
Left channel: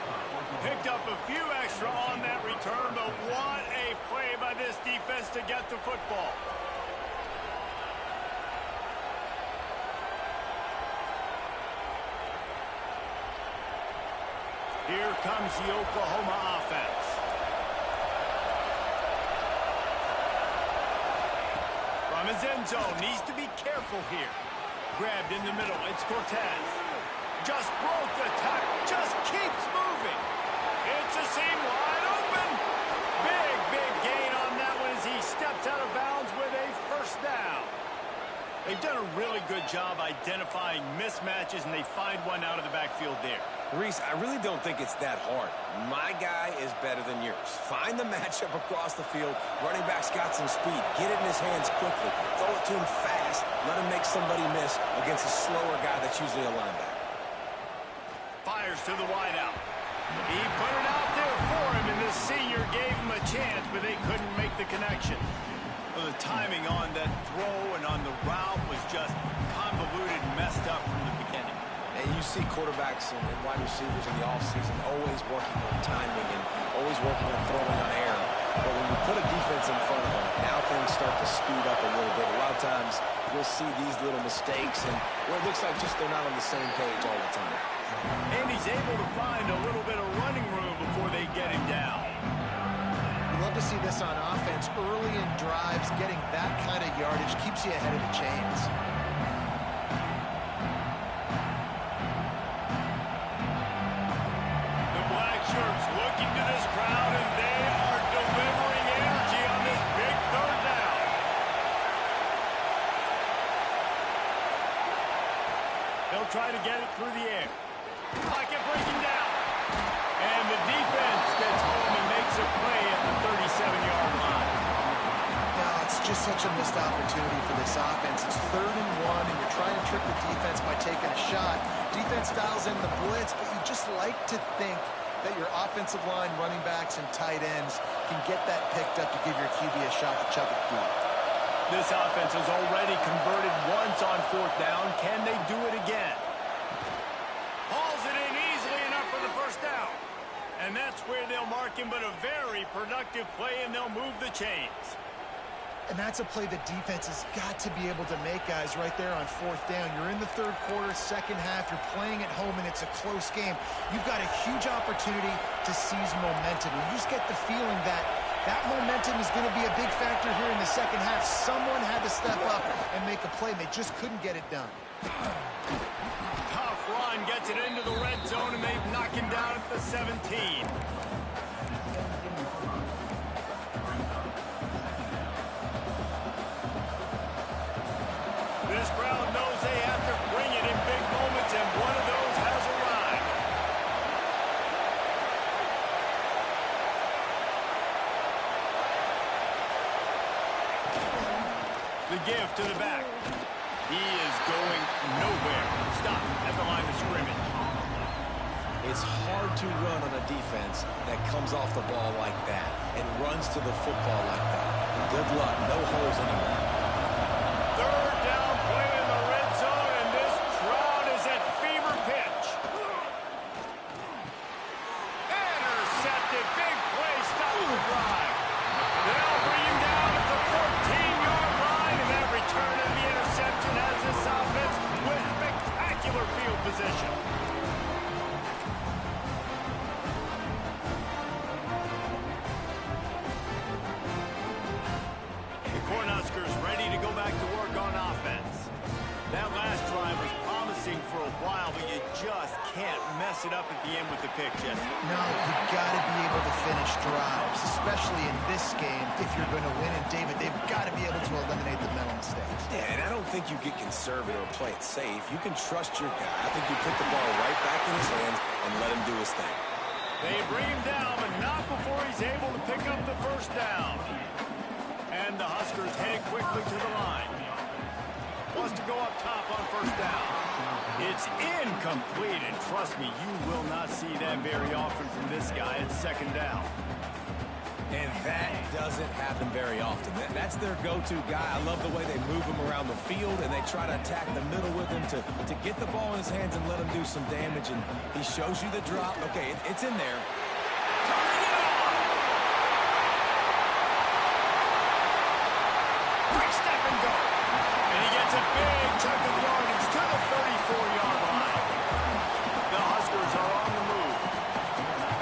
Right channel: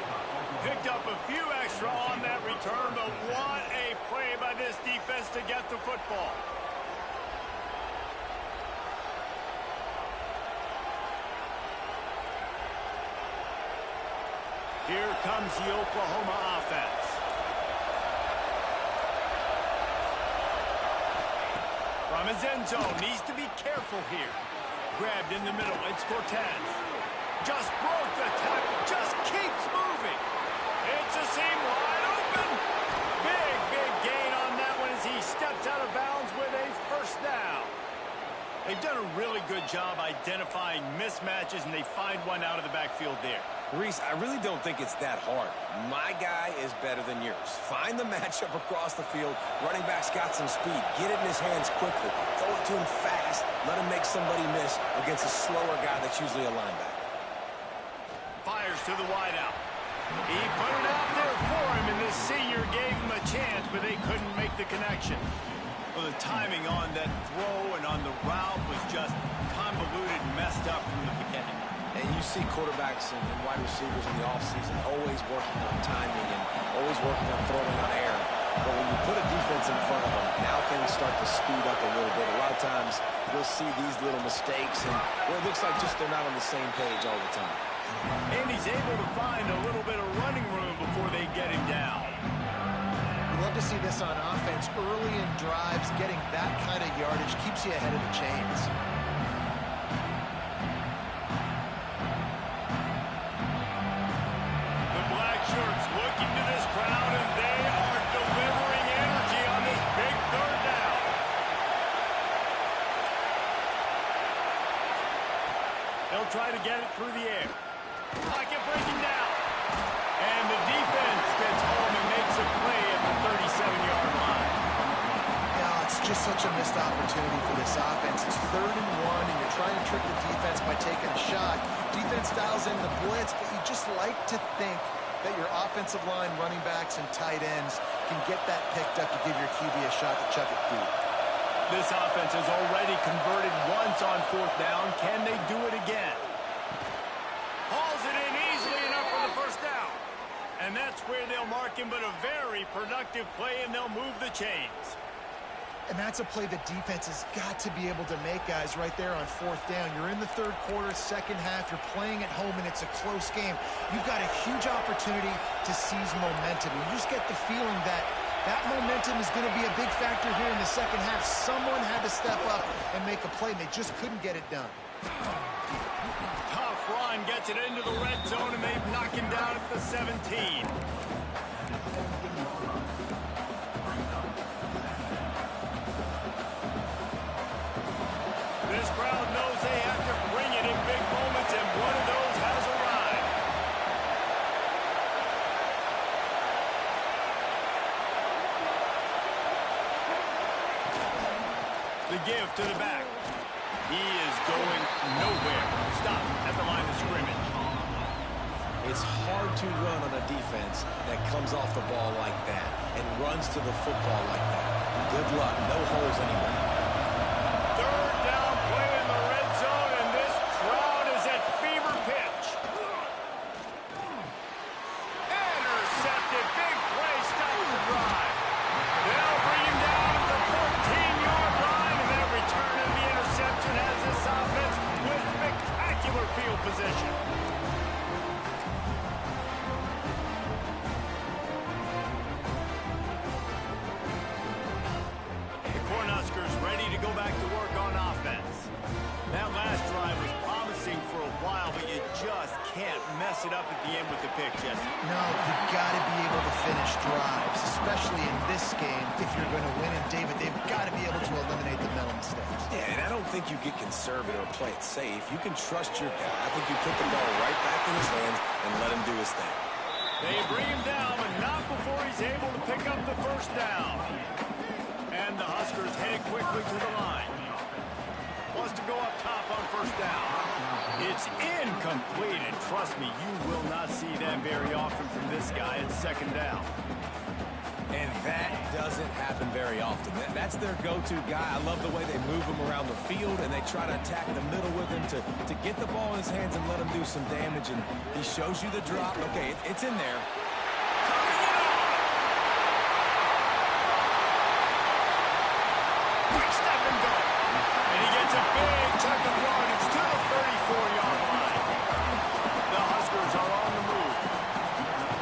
Picked up a few extra on that return, but what a play by this defense to get the football. Here comes the Oklahoma offense. From his end zone, needs to be careful here. Grabbed in the middle, it's Cortez. Just broke the tackle, just keeps moving. It's a seam wide open. Big gain on that one as he steps out of bounds with a first down. They've done a really good job identifying mismatches, and they find one out of the backfield there. Reese, I really don't think it's that hard. My guy is better than yours. Find the matchup across the field. Running back's got some speed. Get it in his hands quickly. Throw it to him fast. Let him make somebody miss against a slower guy that's usually a linebacker. Fires to the wideout. He put it out there for him, and the senior gave him a chance, but they couldn't make the connection. Well, the timing on that throw and on the route was just convoluted and messed up from the beginning. And you see quarterbacks and wide receivers in the offseason always working on timing and always working on throwing on air. But when you put a defense in front of them, now things start to speed up a little bit. A lot of times you'll see these little mistakes and where it looks like just they're not on the same page all the time. And he's able to find a little bit of running room before they get him down. We love to see this on offense. Early in drives, getting that kind of yardage keeps you ahead of the chains. Shirts looking to this crowd, and they are delivering energy on this big third down. They'll try to get it through the air. Pocket breaking down. And the defense gets home and makes a play at the 37-yard line. Now, it's just such a missed opportunity for this offense. It's 3rd and 1, and you're trying to trick the defense by taking a shot. Defense dials in the blitz, but you just like to think that your offensive line, running backs, and tight ends can get that picked up to give your QB a shot to chuck it deep. This offense has already converted once on 4th down. Can they do it again? Hauls it in easily enough for the first down. And that's where they'll mark him, but a very productive play, and they'll move the chains. And that's a play the defense has got to be able to make, guys, right there on 4th down. You're in the 3rd quarter, 2nd half. You're playing at home, and it's a close game. You've got a huge opportunity to seize momentum. You just get the feeling that that momentum is going to be a big factor here in the 2nd half. Someone had to step up and make a play, and they just couldn't get it done. Tough run gets it into the red zone, and they knock him down at the 17. This crowd knows they have to bring it in big moments, and one of those has arrived. The give to the back. He is going nowhere. Stop at the line of scrimmage. It's hard to run on a defense that comes off the ball like that and runs to the football like that. Good luck. No holes anywhere. 3rd down play in the red zone, and this crowd is at fever pitch. Intercepted. Big play. Stops the drive. They'll bring him down at the 14-yard line, and that return of the interception has this offense with spectacular field position. Cornhuskers ready to go back to work on offense. That last drive was promising for a while, but you just can't mess it up at the end with the pick, Jesse. No, you've got to be able to finish drives, especially in this game if you're going to win. And, David, they've got to be able to eliminate the mental mistakes. Yeah, and I don't think you get conservative or play it safe. You can trust your guy. I think you put the ball right back in his hands and let him do his thing. They bring him down, but not before he's able to pick up the first down. And the Huskers headed quickly to the line. Wants to go up top on 1st down. It's incomplete, and trust me, you will not see that very often from this guy at 2nd down. And that doesn't happen very often. That's their go-to guy. I love the way they move him around the field, and they try to attack the middle with him to get the ball in his hands and let him do some damage. And he shows you the drop. Okay, it's in there. Turning it on! Quick step and go. And he gets a big chunk of yardage to the 34-yard line. The Huskers are on the move.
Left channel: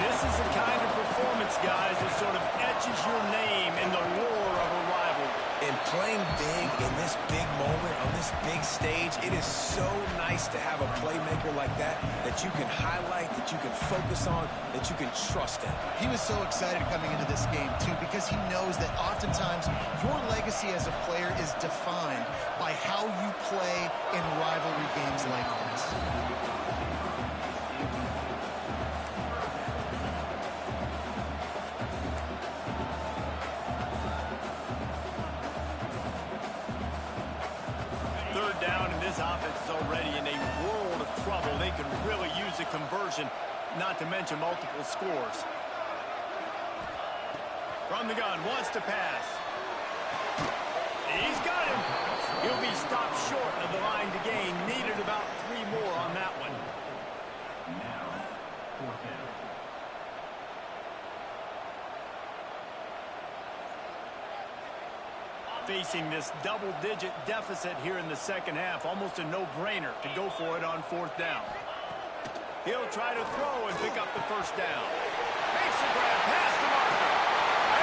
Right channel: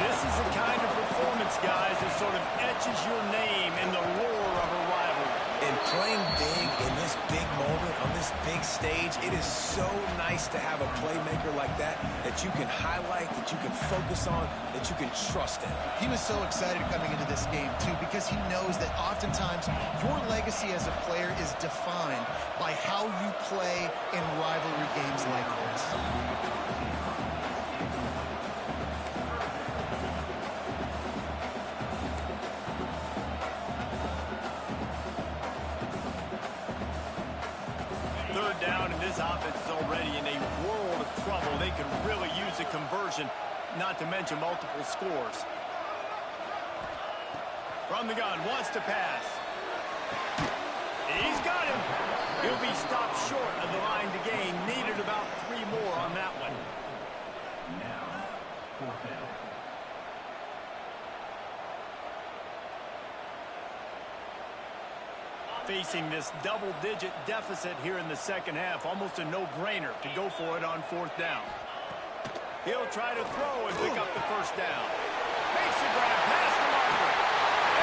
This is the kind of performance, guys, that sort of etches your name in the lore of a rivalry. And playing big in this big moment, on this big stage, it is so nice to have a playmaker like that you can highlight, that you can focus on, that you can trust in. He was so excited coming into this game, too, because he knows that oftentimes your legacy as a player is defined by how you play in rivalry games like this. Down, and this offense is already in a world of trouble. They could really use a conversion. not to mention multiple scores. From the gun, wants to pass. He's got him. He'll be stopped short of the line to gain. Needed about 3 more on that one. Now, fourth down. Facing this double-digit deficit here in the second half, almost a no-brainer to go for it on 4th down. He'll try to throw and pick up the first down. Makes a grab past the marker.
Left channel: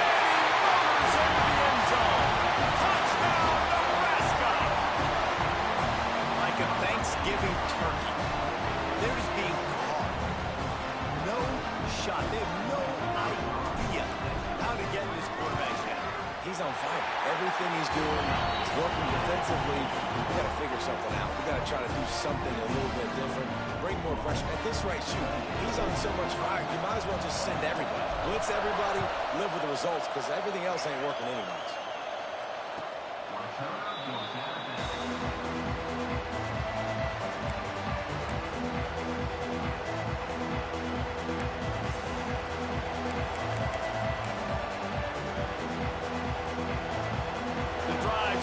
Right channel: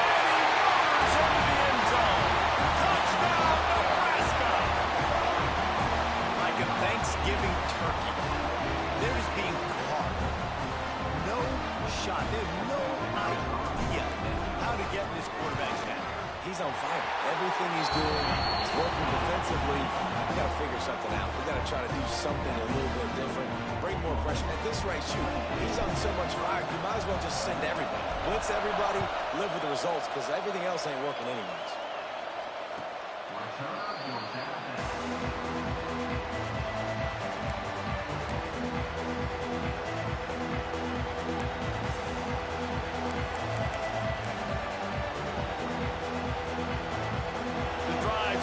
And he motors into the end zone. Touchdown, Nebraska! Like a Thanksgiving turkey. They're just being carved. No shot. They have no idea how to get in this quarterback's head. He's on fire. Everything he's doing is working defensively. We got to figure something out. We got to try to do something a little bit different. Bring more pressure. At this rate, shoot, he's on so much fire, you might as well just send everybody. Blitz everybody, live with the results, because everything else ain't working anyways.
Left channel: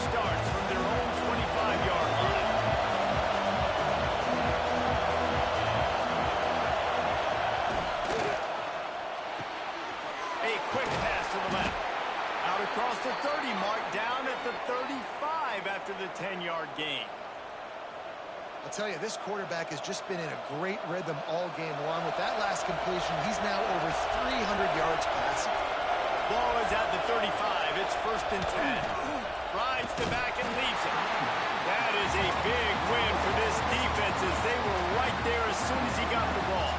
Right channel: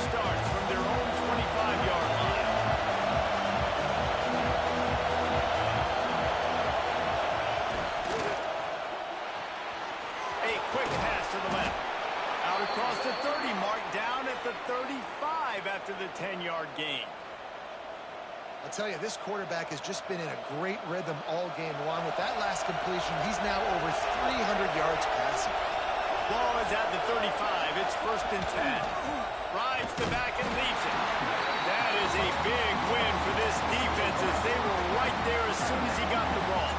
Starts from their own 25-yard line. A quick pass to the left. Out across the 30 mark, down at the 35 after the 10-yard gain. I'll tell you, this quarterback has just been in a great rhythm all game long. With that last completion, he's now over 300 yards passing. Ball is at the 35. It's 1st and 10. Rides the back and leaves it. That is a big win for this defense as they were right there as soon as he got the ball.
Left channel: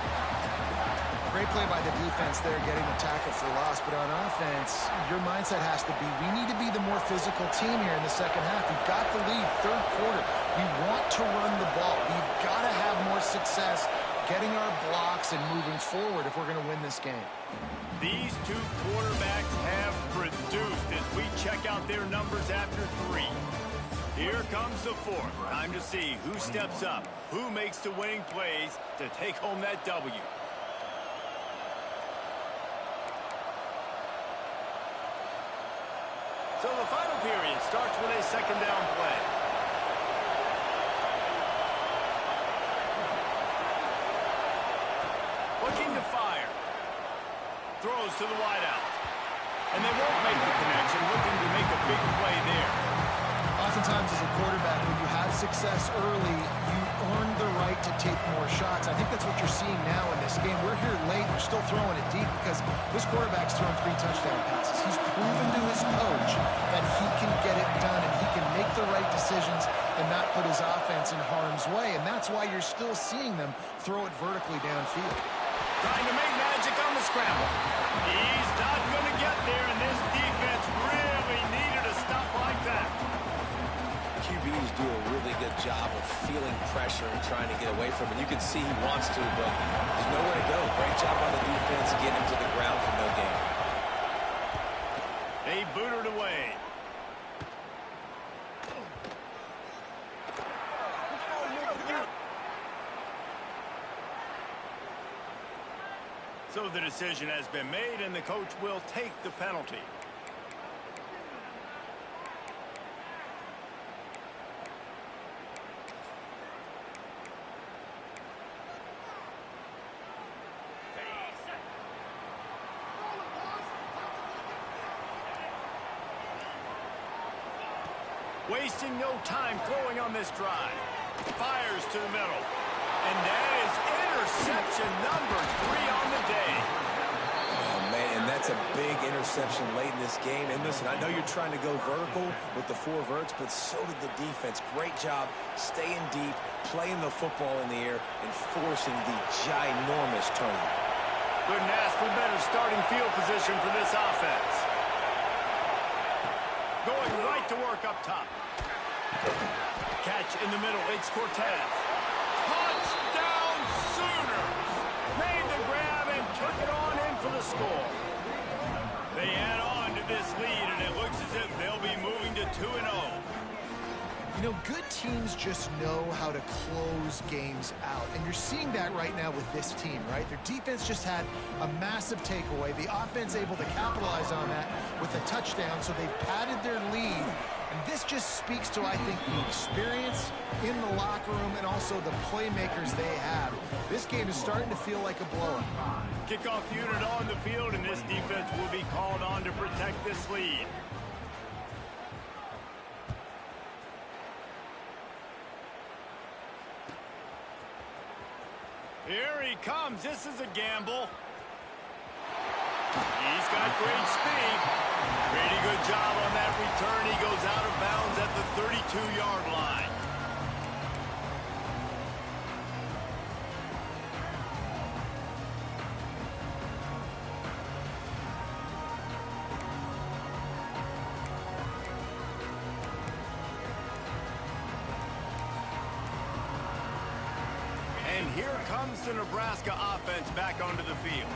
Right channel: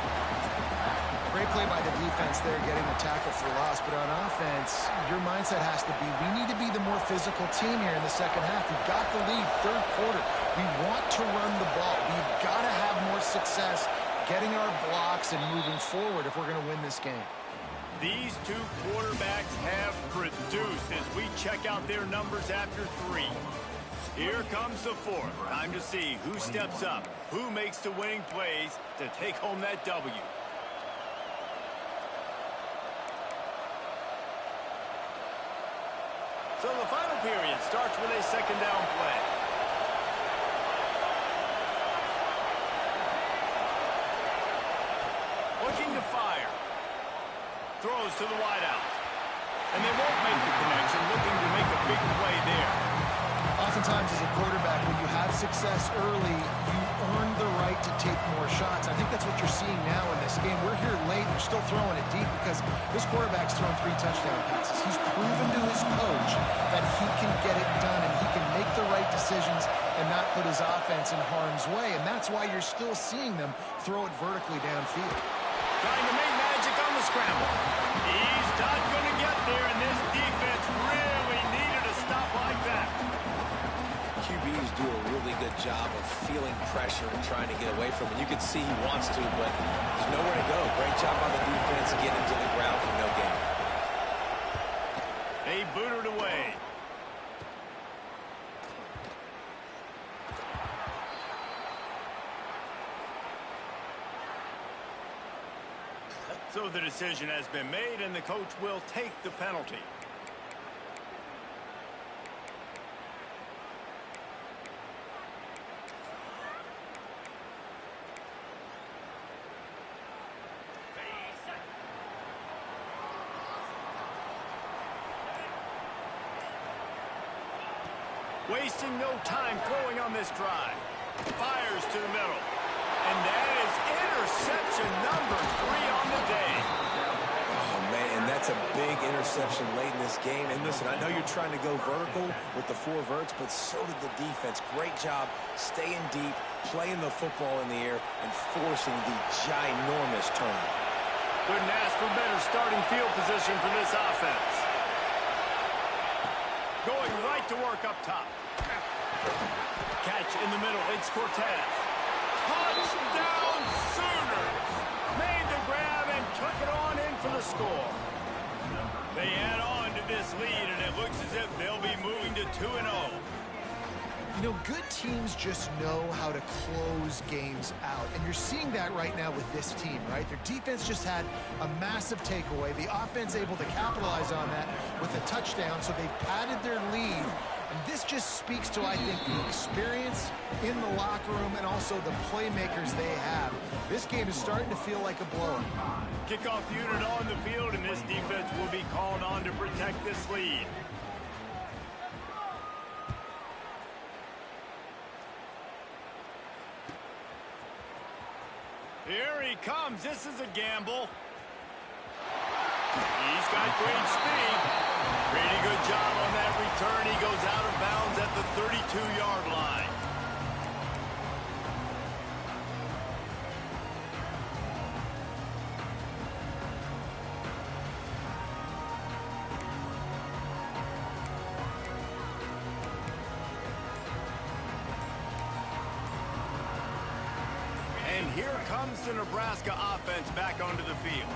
Great play by the defense there, getting the tackle for loss. But on offense, your mindset has to be, we need to be the more physical team here in the second half. We've got the lead, 3rd quarter. We want to run the ball. We've got to have more success getting our blocks and moving forward if we're going to win this game. These two quarterbacks have produced as we check out their numbers after 3. Here comes the 4th. Time to see who steps up, who makes the winning plays to take home that W. So the final period starts with a 2nd down play. Looking to fire. Throws to the wideout. And they won't make the connection, looking to make a big play there. Oftentimes as a quarterback, when you have success early, you earn the right to take more shots. I think that's what you're seeing now in this game. We're here late, they're still throwing it deep because this quarterback's thrown 3 touchdown passes. He's proven to his coach that he can get it done and he can make the right decisions and not put his offense in harm's way. And that's why you're still seeing them throw it vertically downfield. Trying to make magic on the scramble. He's not going to get there, and this defense really needed a stop like that. QBs do a really good job of feeling pressure and trying to get away from it. You can see he wants to, but there's nowhere to go. Great job by the defense, getting him to the ground for no gain. They booted away. So the decision has been made, and the coach will take the penalty. Wasting no time throwing on this drive. Fires to the middle. And that is interception number 3 on the day. Oh, man, and that's a big interception late in this game. And listen, I know you're trying to go vertical with the 4 verts, but so did the defense. Great job staying deep, playing the football in the air, and forcing the ginormous turnover. Couldn't ask for better starting field position for this offense. Going right to work up top. Catch in the middle, it's Cortez. Touchdown Sooners! Made the grab and took it on in for the score. They add on to this lead, and it looks as if they'll be moving to 2-0. You know, good teams just know how to close games out. And you're seeing that right now with this team, right? Their defense just had a massive takeaway. The offense able to capitalize on that with a touchdown, so they've padded their lead. And this just speaks to, I think, the experience in the locker room and also the playmakers they have. This game is starting to feel like a blowout. Kickoff unit on the field, and this defense will be called on to protect this lead. Here he comes. This is a gamble. He's got great speed. Pretty good job on that return. He goes out of bounds at the 32-yard line. And here comes the Nebraska offense back onto the field.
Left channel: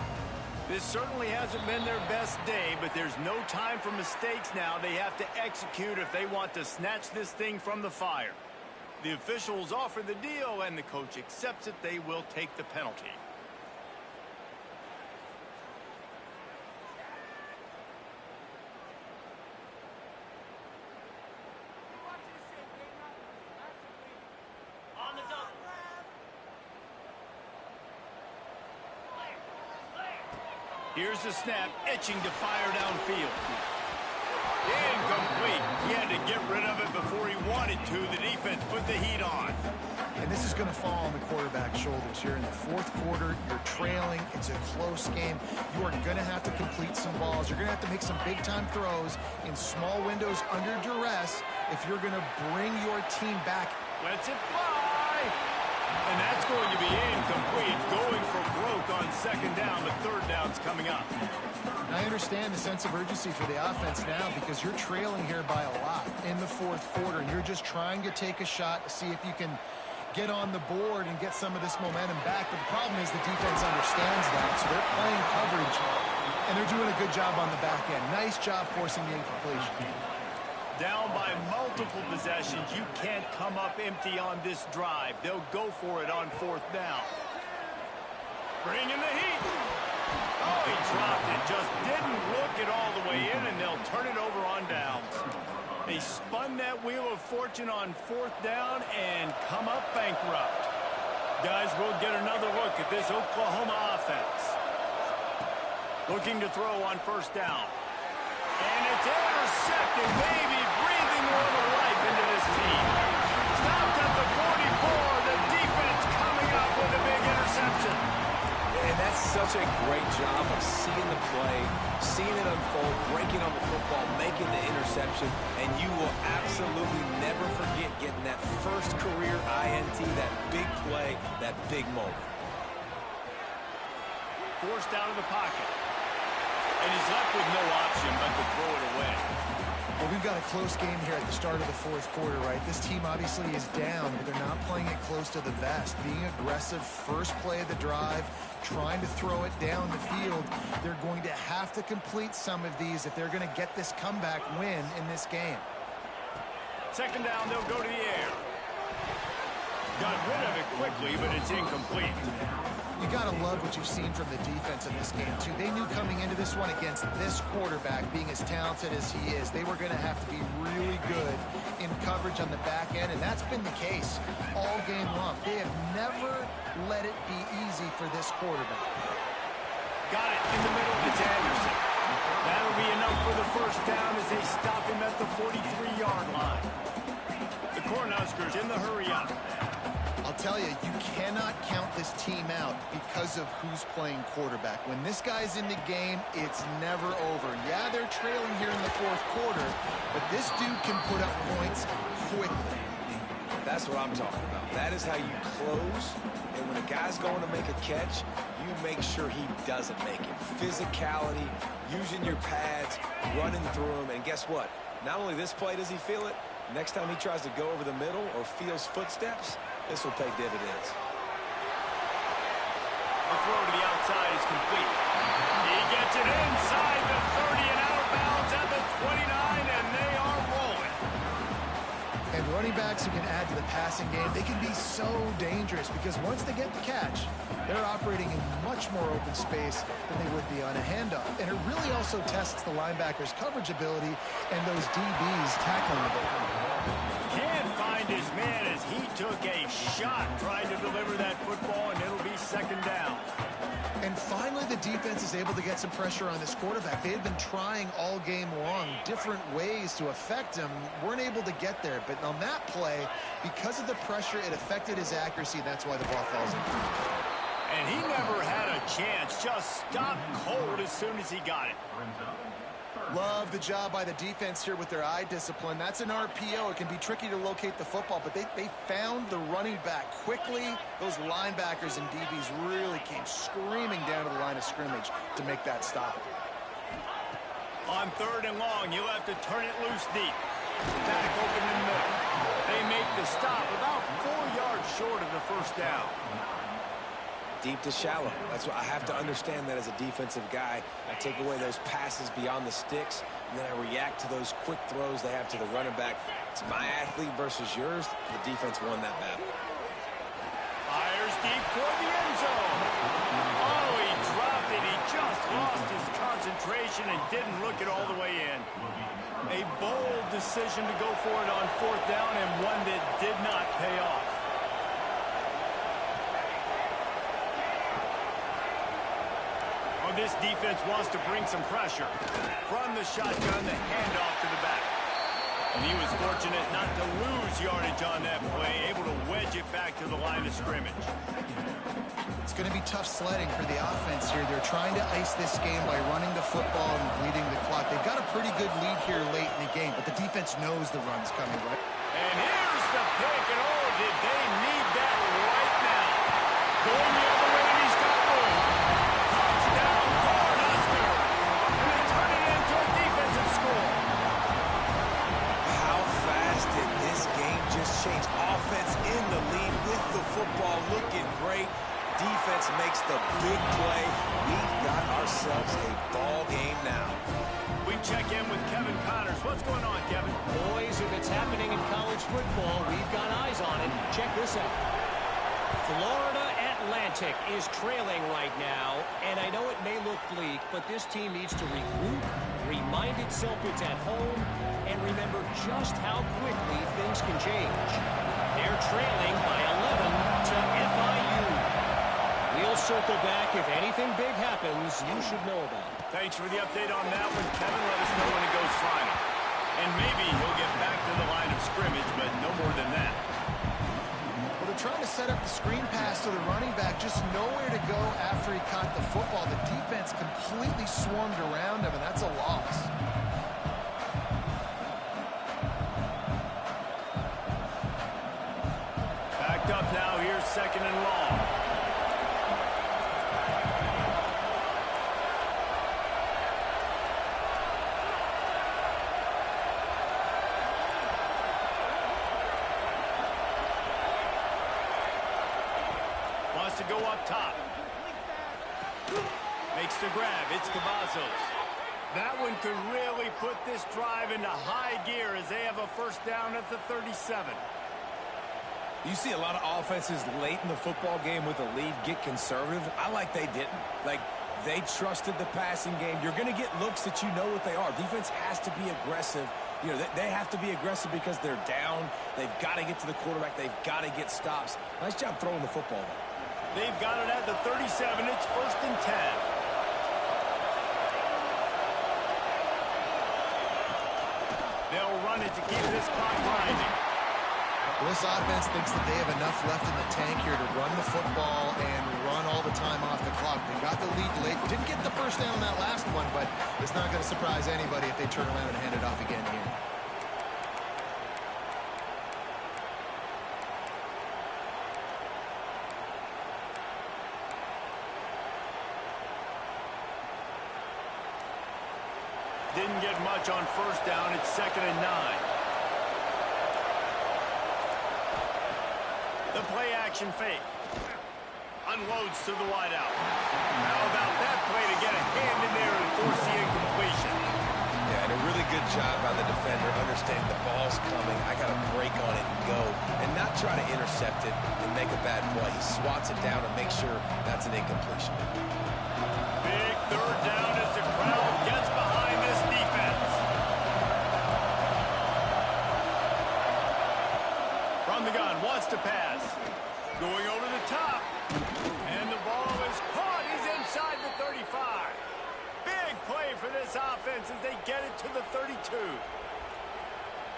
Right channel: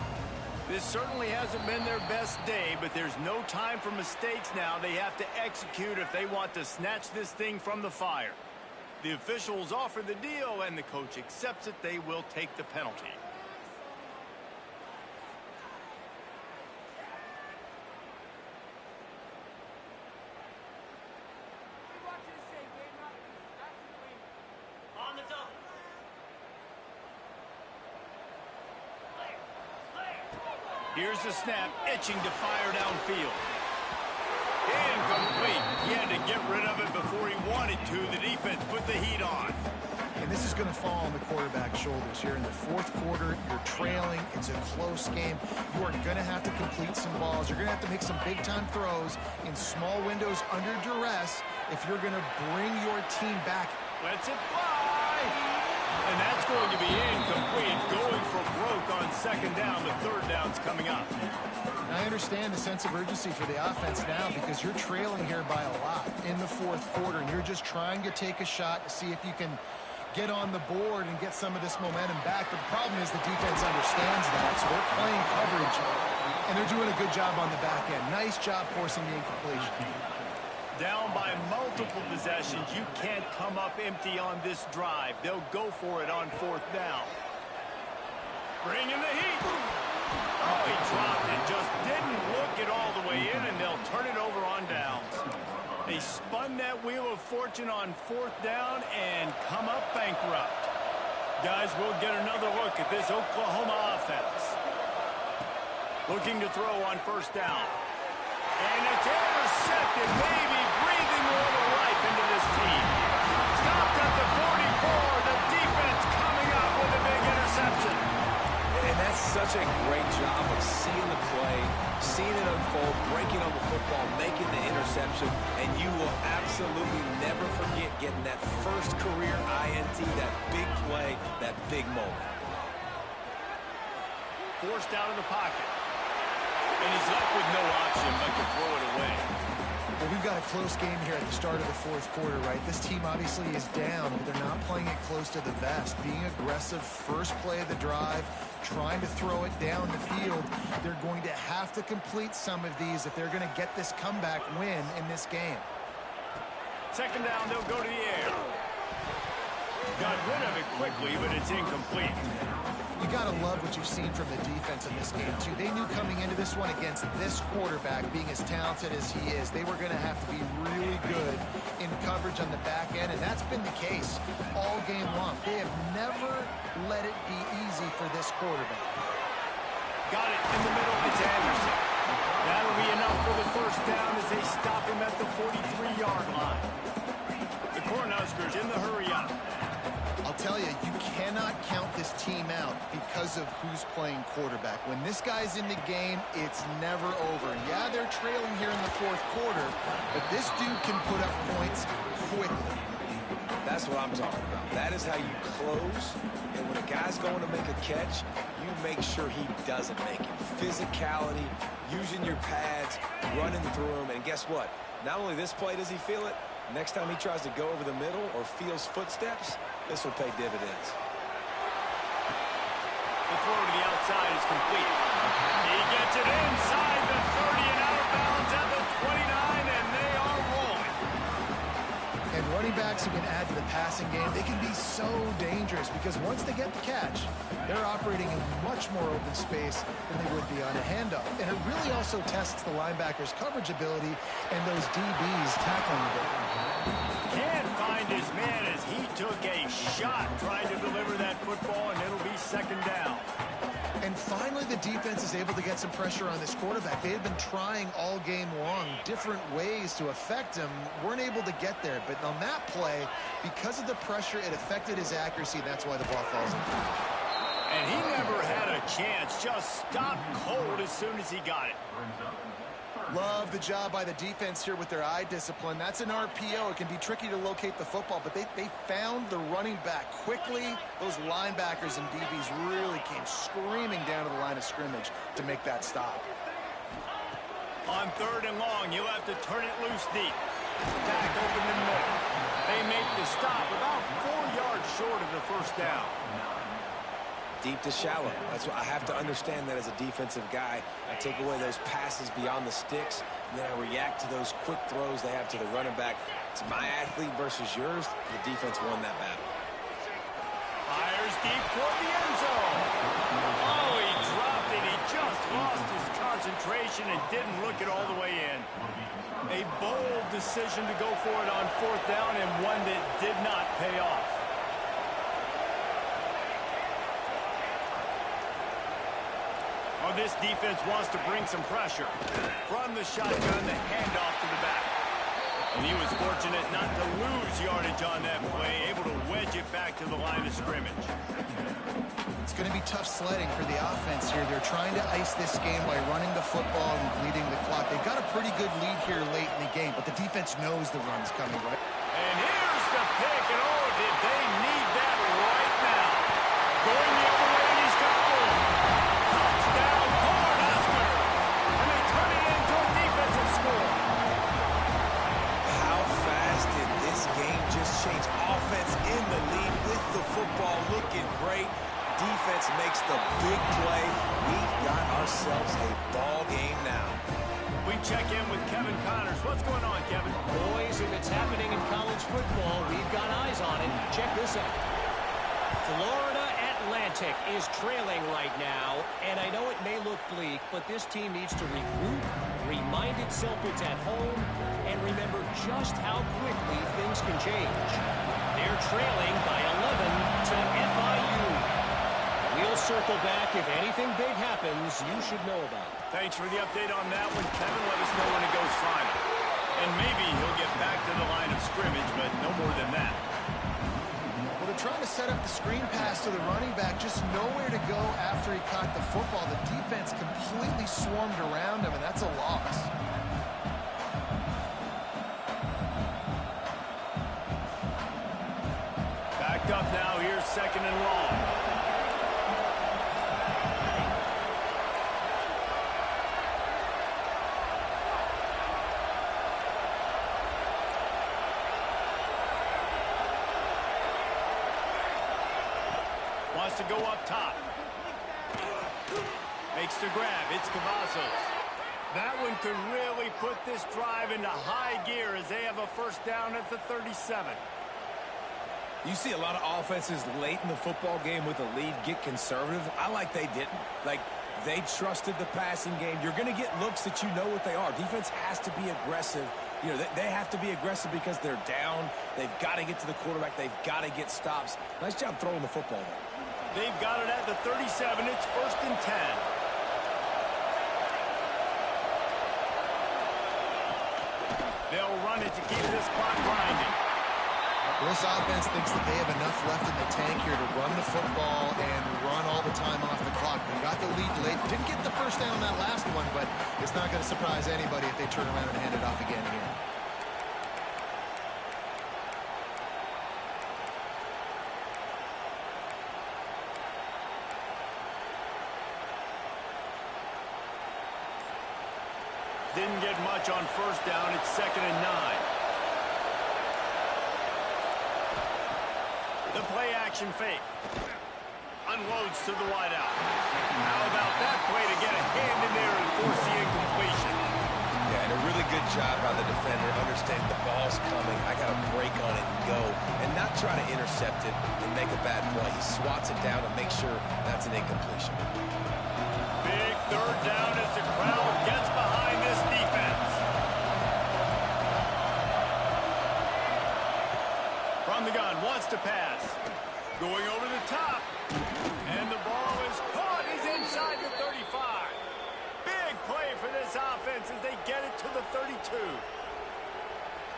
This certainly hasn't been their best day, but there's no time for mistakes now. They have to execute if they want to snatch this thing from the fire. The officials offer the deal, and the coach accepts it. They will take the penalty. Here's the snap, itching to fire downfield. Incomplete. He had to get rid of it before he wanted to. The defense put the heat on. And this is going to fall on the quarterback's shoulders here in the fourth quarter. You're trailing. It's a close game. You are going to have to complete some balls. You're going to have to make some big-time throws in small windows under duress if you're going to bring your team back. Lets it fly. And that's going to be incomplete. Going for broke on second down, but third down's coming up. I understand the sense of urgency for the offense now because you're trailing here by a lot in the fourth quarter, and you're just trying to take a shot to see if you can get on the board and get some of this momentum back. But the problem is the defense understands that, so they're playing coverage, and they're doing a good job on the back end. Nice job forcing the incompletion. Down by multiple possessions. You can't come up empty on this drive. They'll go for it on fourth down. Bringing the heat. Oh, he dropped it. Just didn't look it all the way in, and they'll turn it over on downs. They spun that wheel of fortune on fourth down and come up bankrupt. Guys, we'll get another look at this Oklahoma offense. Looking to throw on first down. And it's intercepted, maybe breathing a little life into this team. Stopped at the 44. The defense coming up with a big interception. And that's such a great job of seeing the play, seeing it unfold, breaking on the football, making the interception, and you will absolutely never forget getting that first career INT, that big play, that big moment. Forced out of the pocket. And he's left with no option but to throw it away. Well, we've got a close game here at the start of the fourth quarter, right? This team obviously is down, but they're not playing it close to the vest. Being aggressive, first play of the drive, trying to throw it down the field. They're going to have to complete some of these if they're going to get this comeback win in this game. Second down, they'll go to the air. Got rid of it quickly, but it's incomplete. You got to love what you've seen from the defense in this game, too. They knew coming into this one against this quarterback, being as talented as he is, they were going to have to be really good in coverage on the back end, and that's been the case all game long. They have never let it be easy for this quarterback. Got it in the middle. It's Anderson. That'll be enough for the first down as they stop him at the 43-yard line. The Cornhuskers in the hurry up. I'll tell you, you cannot count this team out because of who's playing quarterback. When this guy's in the game, it's never over. Yeah, they're trailing here in the fourth quarter, but this dude can put up points quickly. That's what I'm talking about. That is how you close, and when a guy's going to make a catch, you make sure he doesn't make it. Physicality, using your pads, running through them, and guess what? Not only this play does he feel it, next time he tries to go over the middle or feels footsteps, this will pay dividends. The throw to the outside is complete. He gets it inside the 30 and out of bounds at the 29, and they are rolling. And And running backs who can add to the passing game, they can be so dangerous because once they get the catch, they're operating in much more open space than they would be on a handoff. And it really also tests the linebackers' coverage ability and those DBs tackling ability. Can't find his man as he took a shot trying to deliver that football, and it'll be second down. And finally, the defense is able to get some pressure on this quarterback. They had been trying all game long different ways to affect him, weren't able to get there. But on that play, because of the pressure, it affected his accuracy. That's why the ball falls in. And he never had a chance, just stopped cold as soon as he got it. Love the job by the defense here with their eye discipline. That's an RPO. It can be tricky to locate the football, but they found the running back quickly. Those linebackers and DBs really came screaming down to the line of scrimmage to make that stop. On 3rd and long, you'll have to turn it loose deep. Back open in the middle. They make the stop about 4 yards short of the first down. Deep to shallow. That's what I have to understand that as a defensive guy. I take away those passes beyond the sticks, and then I react to those quick throws they have to the running back. It's my athlete versus yours. The defense won that battle. Fires deep toward the end zone. Oh, he dropped it. He just lost his concentration and didn't look it all the way in. A bold decision to go for it on 4th down, and one that did not pay off. Oh, this defense wants to bring some pressure. From the shotgun, the handoff to the back. And he was fortunate not to lose yardage on that play, able to wedge it back to the line of scrimmage. It's going to be tough sledding for the offense here. They're trying to ice this game by running the football and bleeding the clock. They've got a pretty good lead here late in the game, but the defense knows the run's coming, right? And here's the pick, and oh, did they need that right now. Going the other way, and he's got room. Touchdown, Cornhuskers! And they turn it into a defensive score. How fast did this game just change? Offense in the lead with the football, looking great. Defense makes the big play. We've got ourselves a ball game now. We check in with Kevin Connors. What's going on, Kevin? Boys, if it's happening in college football, we've got eyes on it. Check this out. Florida Atlantic is trailing right now, and I know it may look bleak, but this team needs to regroup, remind itself it's at home, and remember just how quickly things can change. They're trailing by 11 to FIU. We'll circle back. If anything big happens, you should know about it. Thanks for the update on that one, Kevin. Let us know when it goes final. And maybe he'll get back to the line of scrimmage, but no more than that. Well, they're trying to set up the screen pass to the running back, just nowhere to go after he caught the football. The defense completely swarmed around him, and that's a loss. Backed up now. Here's 2nd and long. Wants to go up top. Makes the grab. It's Cavazos. That one could really put this drive into high gear as they have a first down at the 37. You see a lot of offenses late in the football game with a lead get conservative. I like they didn't. Like, they trusted the passing game. You're going to get looks that you know what they are. Defense has to be aggressive. You know, they have to be aggressive because they're down. They've got to get to the quarterback. They've got to get stops. Nice job throwing the football there. They've got it at the 37. It's 1st and 10. They'll run it to keep this clock grinding. This offense thinks that they have enough left in the tank here to run the football and run all the time off the clock. They got the lead late. Didn't get the first down on that last one, but it's not going to surprise anybody if they turn around and hand it off again here. Didn't get much on first down. It's 2nd and 9. The play action fake. Unloads to the wideout. How about that play to get a hand in there and force the incompletion? Yeah, Yeah, and a really good job by the defender understanding the ball's coming. I got to break on it and go, and not try to intercept it and make a bad play. He swats it down and makes sure that's an incompletion. Big third down as the crowd gets behind this defense. From the gun, wants to pass. Going over the top. And the ball is caught. He's inside the 35. Big play for this offense as they get it to the 32.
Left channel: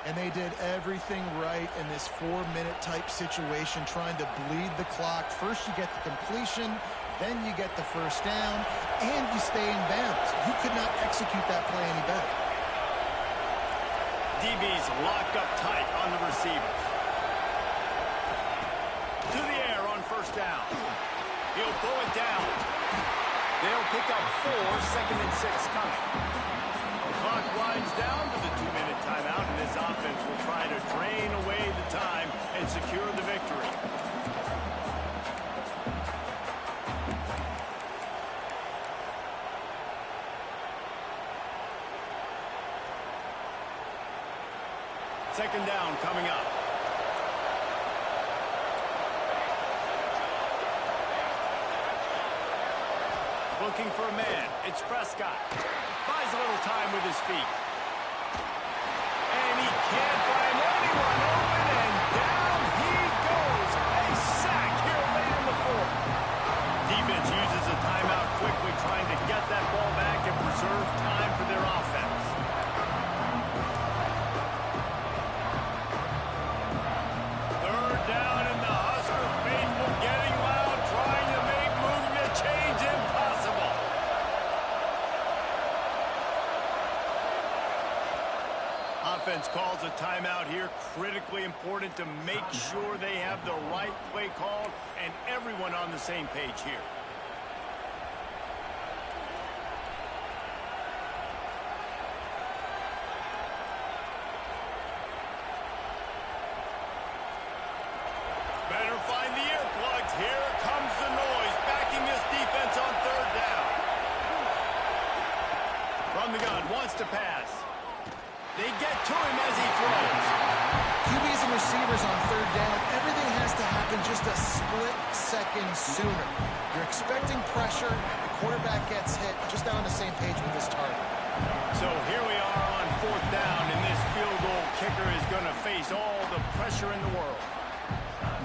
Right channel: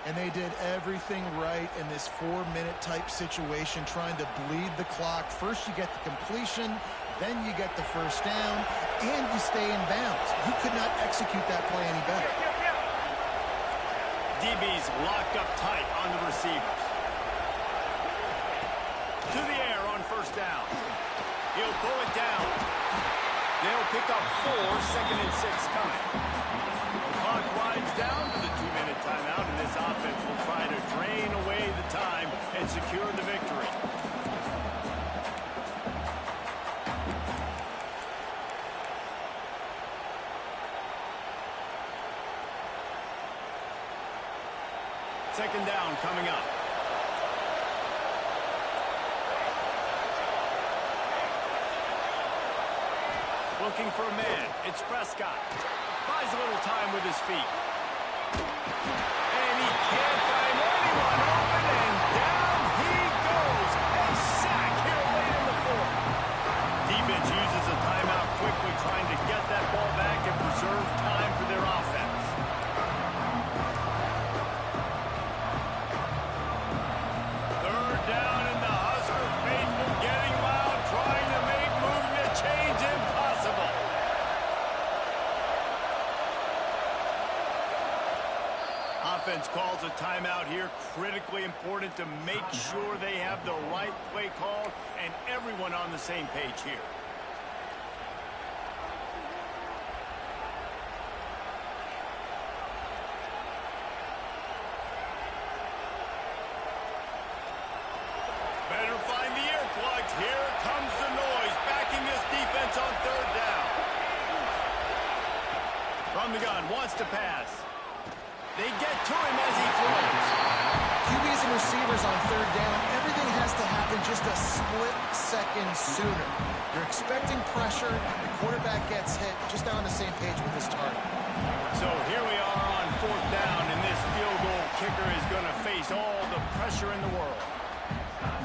And they did everything right in this 4-minute type situation, trying to bleed the clock. First you get the completion, then you get the first down, and you stay in bounds. You could not execute that play any better. DB's locked up tight on the receivers. To the air on first down. He'll pull it down. They'll pick up 4, second and 6 coming. The clock winds down to the 2-minute timeout, and this offense will try to drain away the time and secure the victory. Second down coming up. Looking for a man. It's Prescott. Buys a little time with his feet. And he can't find anyone open, and down he goes. A sack here late in the fourth. Defense uses a timeout quickly, trying to get that ball back and preserve time for their offense. Third down, and the Husker faithful getting loud, trying to make moving a change impossible. Offense calls a timeout here. Critically important to make sure they have the right play called and everyone on the same page here. Better find the earplugs. Here comes the noise, backing this defense on third down. From the gun, wants to pass. They get to him as he throws. QBs and receivers on third down, everything has to happen just a split second sooner. You're expecting pressure, the quarterback gets hit, just not on the same page with his target. So here we are on fourth down, and this field goal kicker is going to face all the pressure in the world.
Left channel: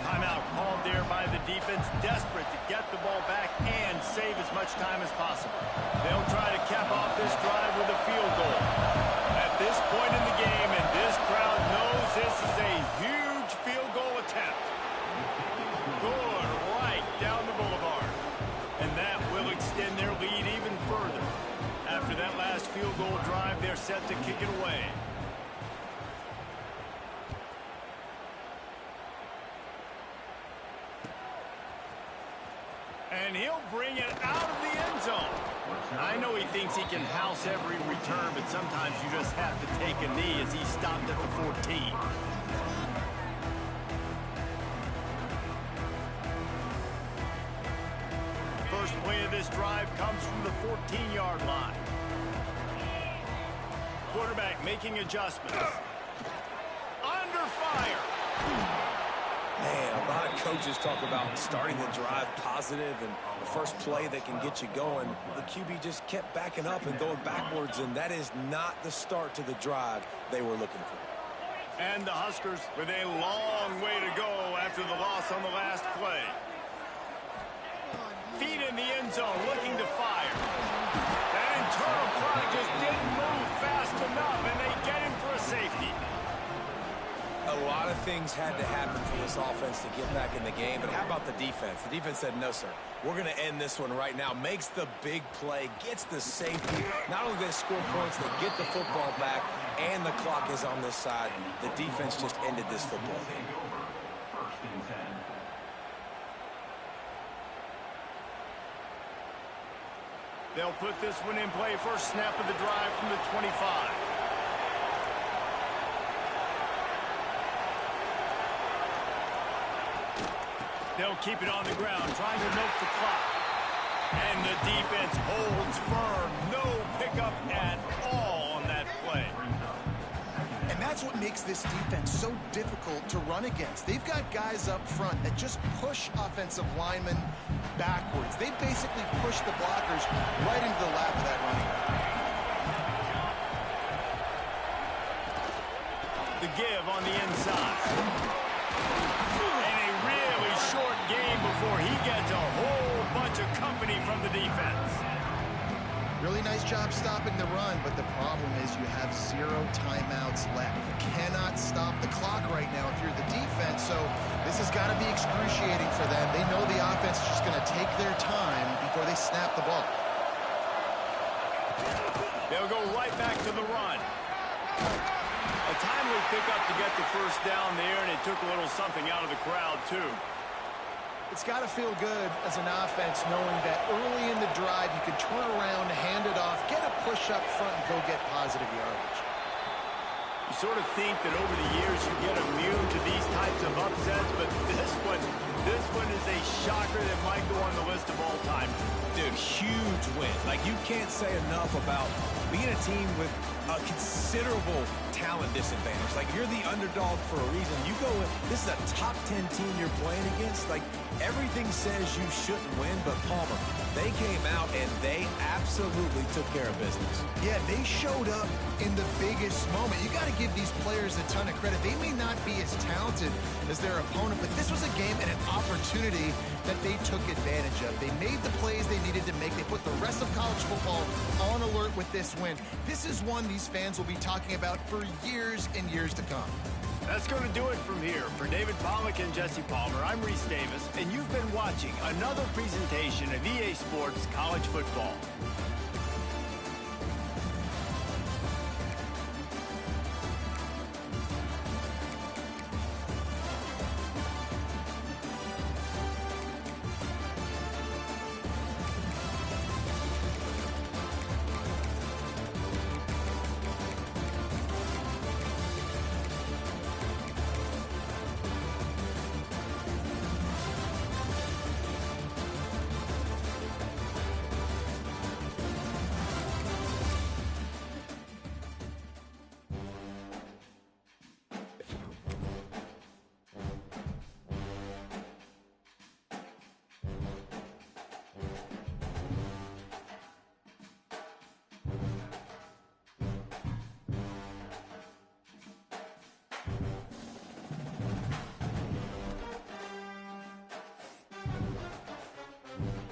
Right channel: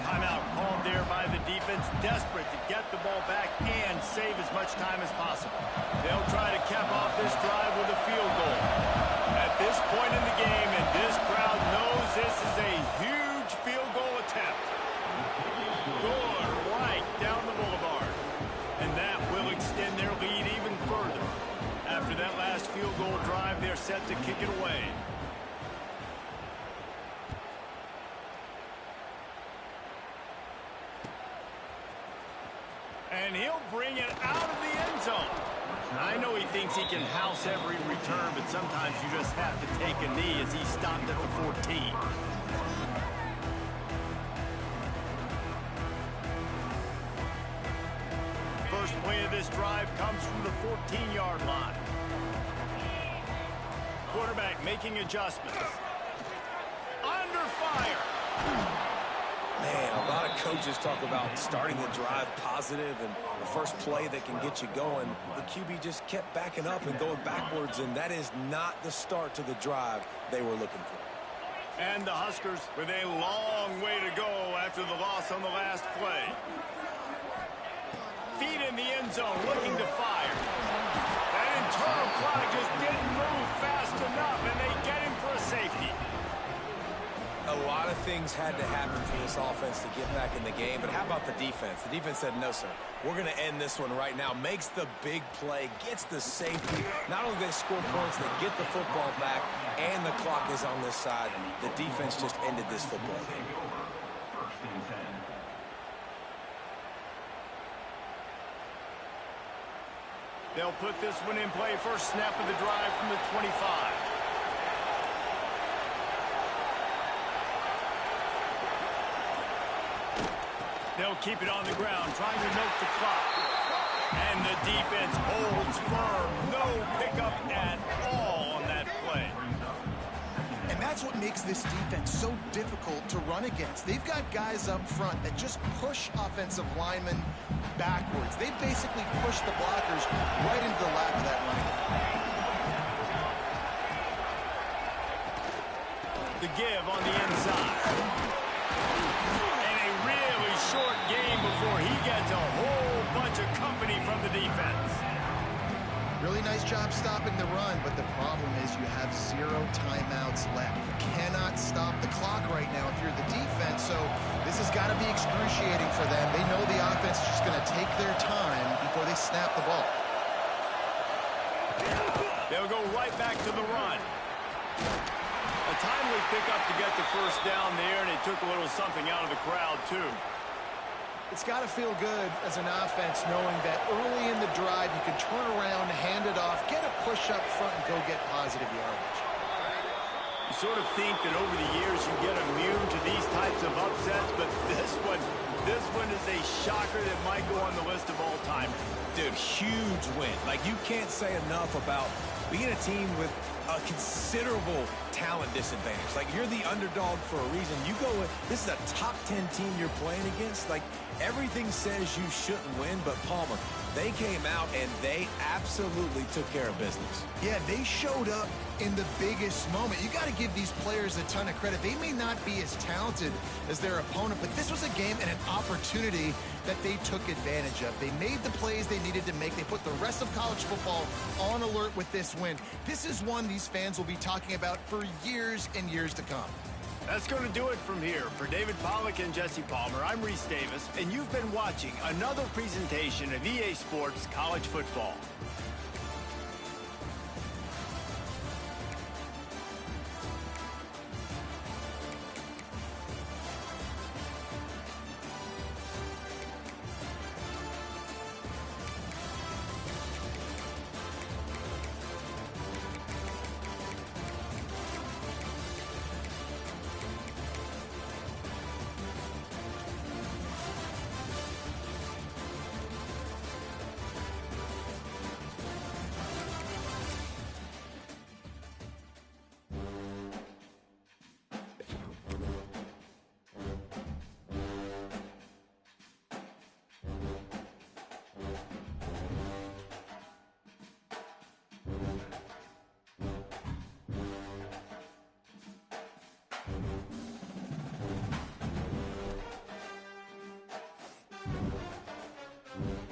Timeout called there by the defense, desperate to get the ball back and save as much time as possible. They'll try to cap off this drive with a field goal. At this point in the game, and this crowd knows this is a huge field goal attempt. Good, right down the boulevard. And that will extend their lead even further. After that last field goal drive, they're set to kick it away. And he'll bring it out of the end zone. I know he thinks he can house every return, but sometimes you just have to take a knee as he stopped at the 14. First play of this drive comes from the 14-yard line. Quarterback making adjustments. Under fire. Man, a lot of coaches talk about starting the drive positive and the first play that can get you going. The QB just kept backing up and going backwards, and that is not the start to the drive they were looking for. And the Huskers with a long way to go after the loss on the last play. Feet in the end zone, looking to fire. That internal clock just didn't move fast enough, and they get him for a safety. A lot of things had to happen for this offense to get back in the game, but how about the defense? The defense said, no, sir, we're going to end this one right now. Makes the big play, gets the safety. Not only do they score points, they get the football back, and the clock is on this side. The defense just ended this football game. First and 10. They'll put this one in play. First snap of the drive from the 25. They'll keep it on the ground, trying to milk the clock. And the defense holds firm. No pickup at all on that play. that's what makes this defense so difficult to run against. They've got guys up front that just push offensive linemen backwards. They basically push the blockers right into the lap of that running back. The give on the inside. And a really short game before he gets a whole bunch of company from the defense. Really nice job stopping the run, but the problem is you have 0 timeouts left. You cannot stop the clock right now if you're the defense, so this has got to be excruciating for them. They know the offense is just going to take their time before they snap the ball. They'll go right back to the run. A timely pickup to get the first down there, and it took a little something out of the crowd, too. It's got to feel good as an offense knowing that early in the drive you can turn around, hand it off, get a push up front, and go get positive yardage. You sort of think that over the years you get immune to these types of upsets, but this one is a shocker that might go on the list of all time. Dude, huge win. Like, you can't say enough about being a team with a considerable talent disadvantage. Like, you're the underdog for a reason. You go with, this is a top 10 team you're playing against. Like, everything says you shouldn't win, but Palmer, they came out and they absolutely took care of business. Yeah, they showed up in the biggest moment. You got to give these players a ton of credit. They may not be as talented as their opponent, but this was a game and an opportunity that they took advantage of. They made the plays they needed to make. They put the rest of college football on alert with this win. This is one these fans will be talking about for years and years to come. That's going to do it from here. For David Pollack and Jesse Palmer, I'm Reese Davis, and you've been watching another presentation of EA Sports College Football.